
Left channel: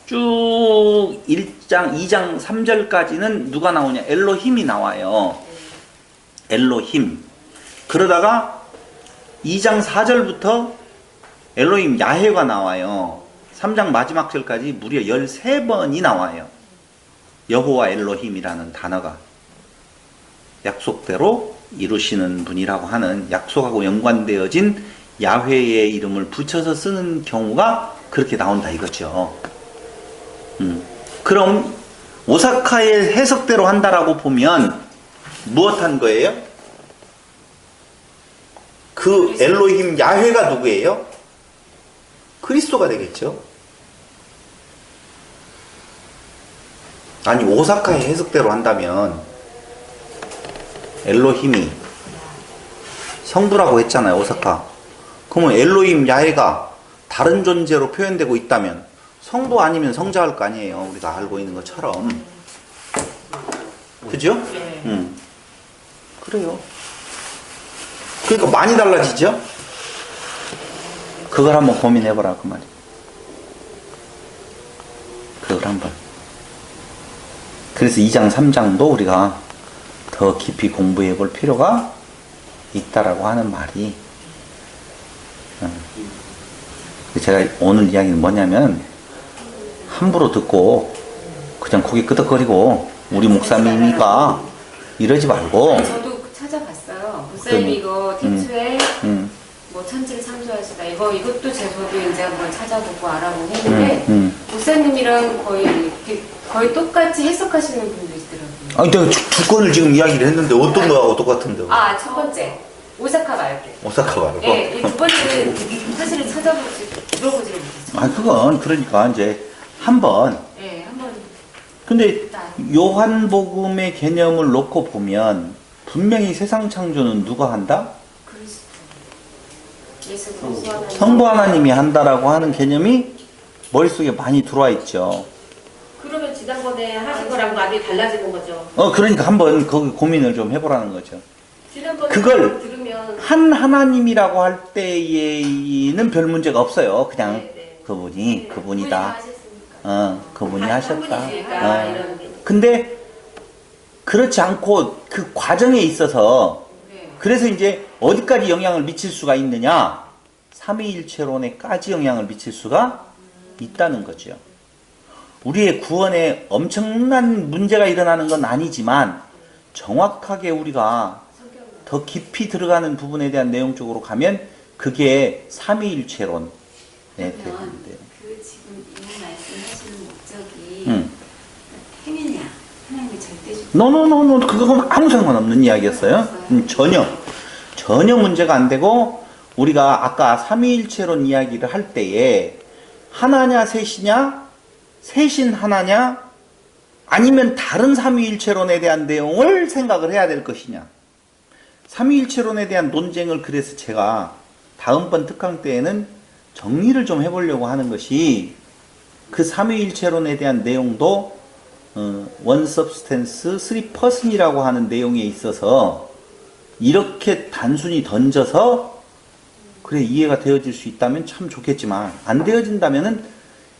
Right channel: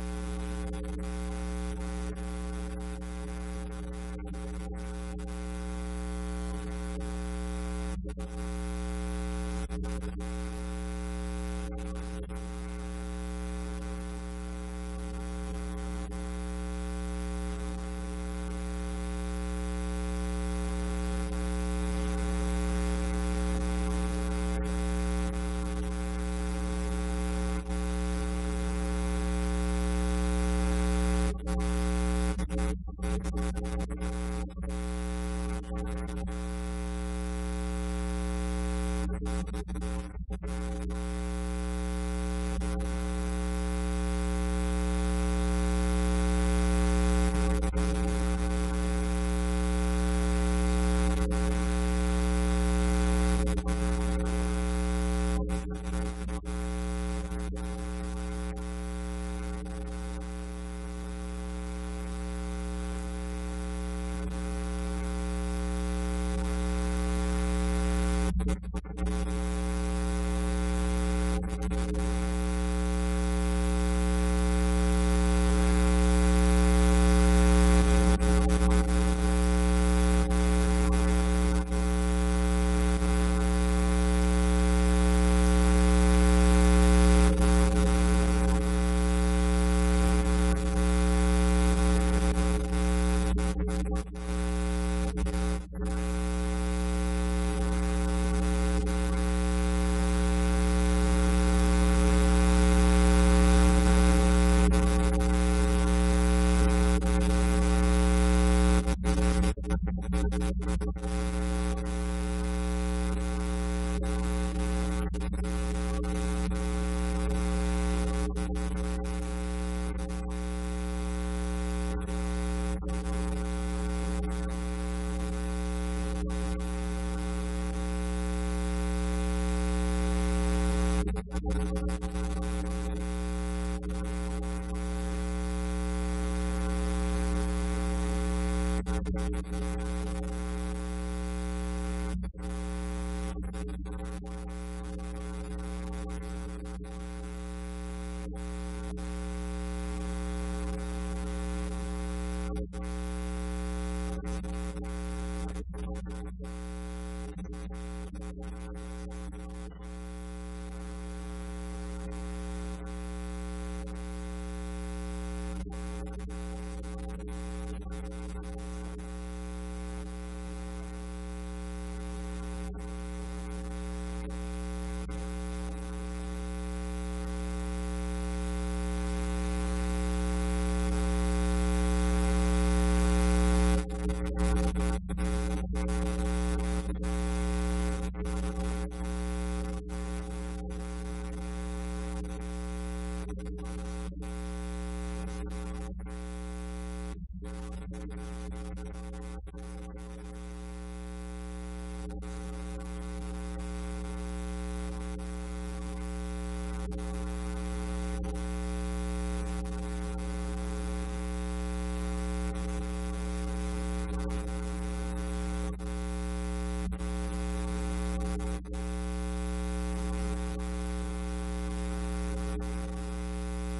쭉 1장, 2장, 3절까지는 누가 나오냐? 엘로힘이 나와요. 엘로힘. 그러다가 2장 4절부터 엘로힘 야훼가 나와요. 3장 마지막 절까지 무려 13번이 나와요. 여호와 엘로힘이라는 단어가 약속대로 이루시는 분이라고 하는 약속하고 연관되어진 야훼의 이름을 붙여서 쓰는 경우가 그렇게 나온다 이거죠. 그럼 오사카의 해석대로 한다라고 보면 무엇 한 거예요? 그 엘로힘 야훼가 누구예요? 그리스도가 되겠죠. 아니 오사카의 해석대로 한다면 엘로힘이 성부라고 했잖아요. 오사카. 그러면 엘로힘 야훼가 다른 존재로 표현되고 있다면 성부 아니면 성자일 거 아니에요. 우리가 알고 있는 것처럼. 그죠? 그래요. 그러니까 많이 달라지죠? 그걸 한번 고민해보라 그 말이에요. 그걸 한번. 그래서 2장 3장도 우리가 더 깊이 공부해 볼 필요가 있다라고 하는 말이 제가 오늘 이야기는 뭐냐면 함부로 듣고 그냥 고개 끄덕거리고 우리 목사님이니까 이러지 말고 저도 찾아봤어요. 목사님이 이거 태초에 뭐 천지를 창조하시다 이것도 제 저도 이제 한번 찾아보고 알아보고 했는데 목사님이랑 거의 똑같이 해석하시는 분도 있더라고요. 아니 내가 두 건을 지금 이야기를 했는데 어떤 거하고 똑같은데? 첫 번째 오사카 말고. 오사카 말고? 네, 이 두 번째는 사실은 들어보지 못했어요. 그건 그러니까 이제 한번 네, 한번. 근데 요한복음의 개념을 놓고 보면 분명히 세상 창조는 누가 한다? 성부 하나님이 한다라고 하는 개념이 머릿속에 많이 들어와 있죠. 그러면 지난번에 하신 거랑 많이 달라지는 거죠. 그러니까 한번 거기 고민을 좀 해보라는 거죠. 지난번에 그걸 들으면 한 하나님이라고 할 때에는 별 문제가 없어요. 그냥 네. 그분이다. 그분이 하셨다. 이런 게. 근데 그렇지 않고 그 과정에 있어서 그래서 이제 어디까지 영향을 미칠 수가 있느냐? 삼위일체론에까지 영향을 미칠 수가 있다는 거죠. 우리의 구원에 엄청난 문제가 일어나는 건 아니지만 정확하게 우리가 더 깊이 들어가는 부분에 대한 내용 쪽으로 가면 그게 삼위일체론에 되는 거예요. 그 지금 말씀하시는 목적이 힘이냐 하나님의 절대적 노노노노 그건 아무 상관없는 이야기였어요. 전혀 문제가 안 되고 우리가 아까 삼위일체론 이야기를 할 때에 하나냐 셋이냐 셋인 하나냐 아니면 다른 삼위일체론에 대한 내용을 생각을 해야 될 것이냐. 삼위일체론에 대한 논쟁을 그래서 제가 다음번 특강 때에는 정리를 좀 해보려고 하는 것이 그 삼위일체론에 대한 내용도 one substance, three person이라고 하는 내용에 있어서 이렇게 단순히 던져서 그래 이해가 되어질 수 있다면 참 좋겠지만 안 되어진다면은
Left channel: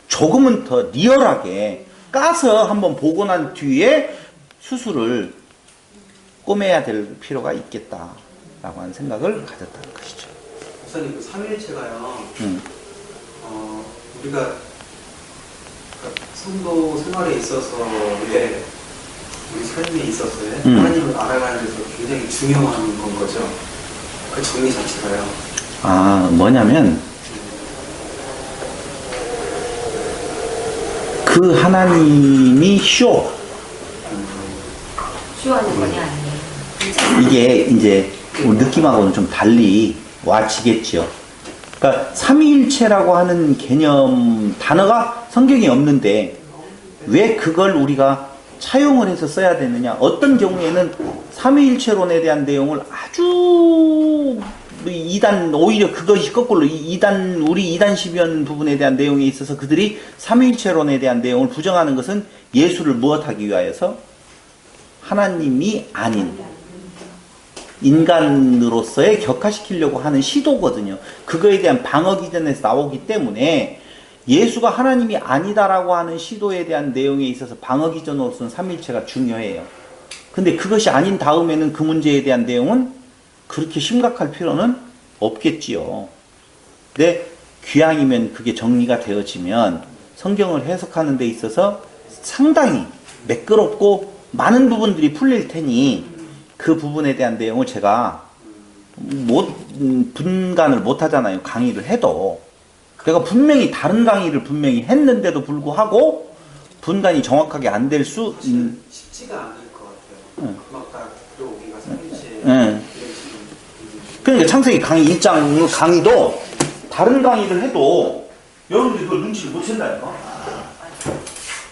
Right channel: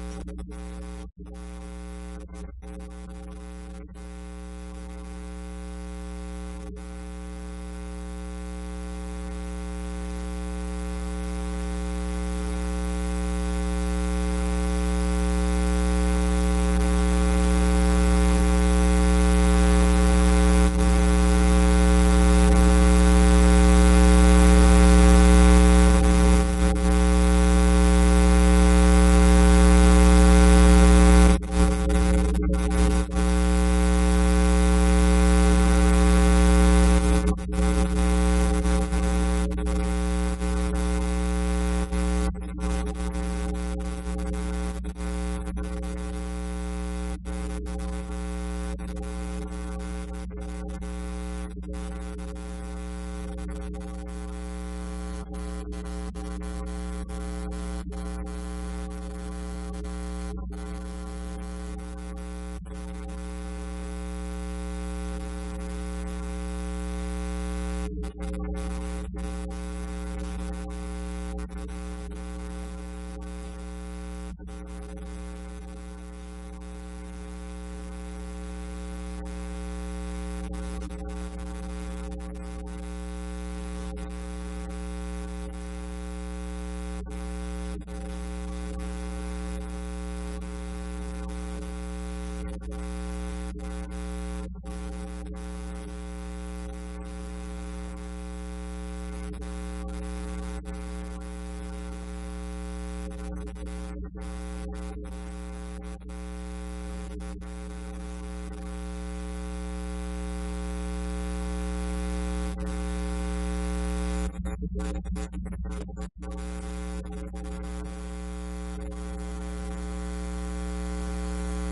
조금은 더 리얼하게 까서 한번 보고 난 뒤에 수술을 꼬매야 될 필요가 있겠다라고 하는 생각을 가졌다는 것이죠. 목사님 그 삼위일체가요. 우리가 성도 생활에 있어서 우리 삶에 있어서 하나님을 알아가는 데 굉장히 중요한 거죠. 그 정의 자체가요. 아, 뭐냐면 그 하나님이 쉬워하는 거냐 아니냐. 이게 이제 느낌하고는 좀 달리 와지겠죠. 그러니까 삼위일체라고 하는 개념 단어가 성경에 없는데 왜 그걸 우리가 차용을 해서 써야 되느냐. 어떤 경우에는 삼위일체론에 대한 내용을 아주 이단 오히려 그것이 거꾸로 이단 우리 이단 시변 부분에 대한 내용에 있어서 그들이 삼위일체론에 대한 내용을 부정하는 것은 예수를 무엇하기 위하여서 하나님이 아닌 인간으로서의 격화시키려고 하는 시도거든요. 그거에 대한 방어 기전에서 나오기 때문에 예수가 하나님이 아니다라고 하는 시도에 대한 내용에 있어서 방어 기전으로서는 삼위일체가 중요해요. 근데 그것이 아닌 다음에는 그 문제에 대한 내용은 그렇게 심각할 필요는 없겠지요. 근데 귀향이면 그게 정리가 되어지면 성경을 해석하는 데 있어서 상당히 매끄럽고 많은 부분들이 풀릴 테니 그 부분에 대한 내용을 제가 분간을 못 하잖아요. 강의를 해도. 내가 분명히 다른 강의를 분명히 했는데도 불구하고 분간이 정확하게 안 될 수 쉽지가 않을 것 같아요. 아까 들어오기가 삼위일체. 그러니까 창세기 강의 1장 강의도 다른 강의를 해도 여러분들이 그걸 눈치를 못 챈다니까.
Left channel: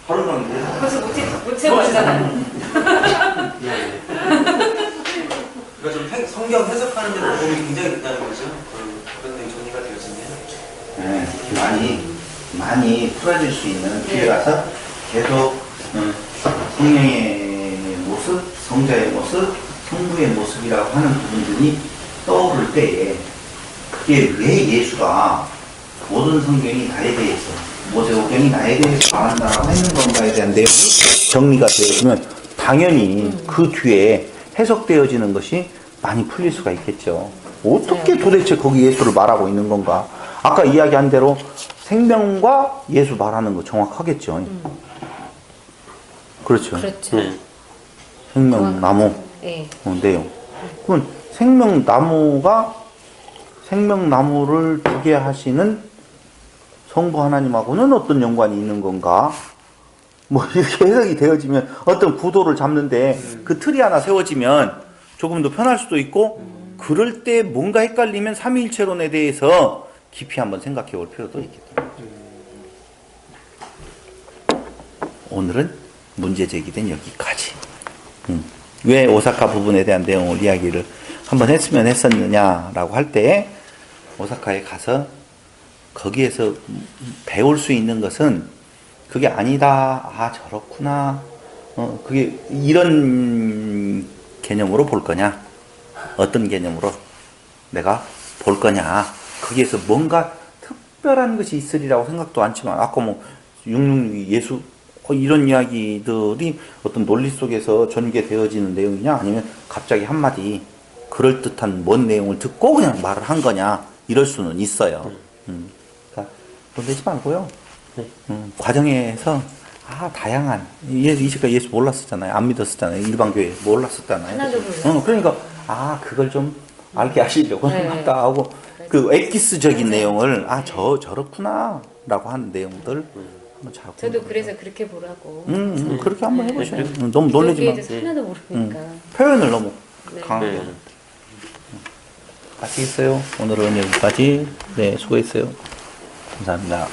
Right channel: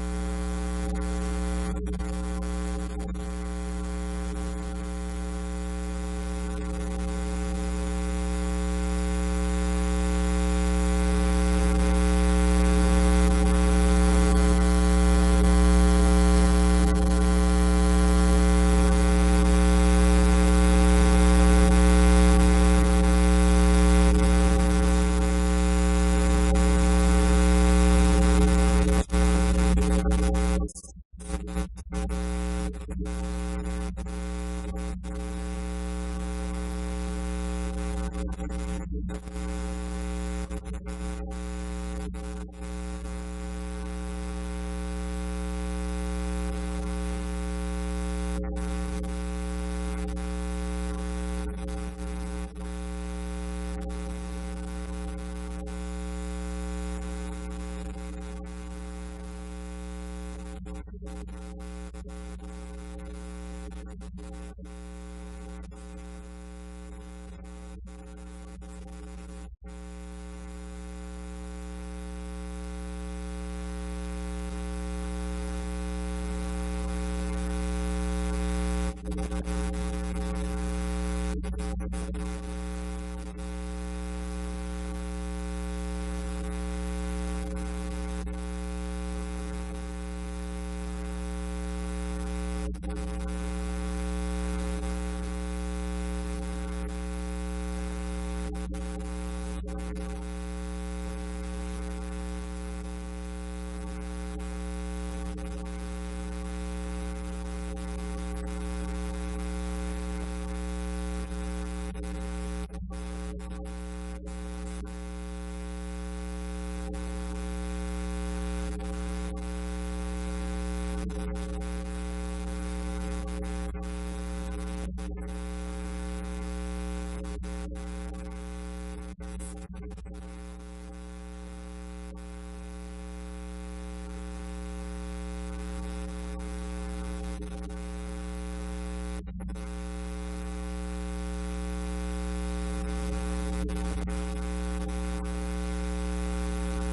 다른 강의를 해도. 그래서 못 채워봤잖아요. 그러니까 좀 성경 해석하는 데 도움이 굉장히 된다는 거죠. 그런 게 정리가 되어지네요. 많이 풀어질 수 있는 기회라서 계속 성령의 모습, 성자의 모습, 성부의 모습이라고 하는 부분들이 떠오를 때에 그게 왜 예수가 모든 성경이 나에 대해서 모세오경이 나에 대해서 말한다라고 하는 건가에 대한 내용이 정리가 되어지면 당연히 그 뒤에 해석되어지는 것이 많이 풀릴 수가 있겠죠. 어떻게 도대체 거기 예수를 말하고 있는 건가? 아까 이야기한 대로 생명과 예수 말하는 거 정확하겠죠. 그렇죠. 그렇죠. 생명나무 네. 내용. 그건 생명나무를 두게 하시는 성부 하나님하고는 어떤 연관이 있는 건가? 뭐 이렇게 해석이 되어지면 어떤 구도를 잡는데 그 틀이 하나 세워지면 조금 더 편할 수도 있고 그럴 때 뭔가 헷갈리면 삼위일체론에 대해서 깊이 한번 생각해 볼 필요도 있겠다. 오늘은 문제 제기된 여기까지. 왜 오사카 부분에 대한 내용을 이야기를 한번 했으면 했었느냐라고 할 때 오사카에 가서 거기에서 배울 수 있는 것은 그게 아니다. 아 저렇구나. 그게 이런 개념으로 볼 거냐? 어떤 개념으로 내가 볼 거냐? 거기에서 뭔가 특별한 것이 있으리라고 생각도 않지만 아까 뭐 666 예수 이런 이야기들이 어떤 논리 속에서 전개되어지는 내용이냐 아니면 갑자기 한마디 그럴듯한 뭔 내용을 듣고 그냥 말을 한 거냐 이럴 수는 있어요. 그러니까 놀라지 말고요. 과정에서 다양한 이제까지 예수 몰랐었잖아요. 안 믿었었잖아요. 일반 교회 몰랐었잖아요. 하나도 몰랐어요. 그러니까 그걸 좀 알게 하시려고 한다 하고 그 엑기스적인 내용을 저렇구나 라고 하는 내용들 저도 그래서 그렇게 보라고. 그렇게 한번 해보세요. 너무 놀라지 여기에 마. 대해서 하나도 모르니까. 표현을 너무 네. 강하게. 아시겠어요? 오늘은 여기까지. 네, 수고했어요. 감사합니다.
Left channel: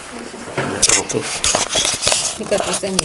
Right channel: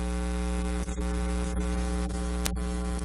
그러니까 박사님.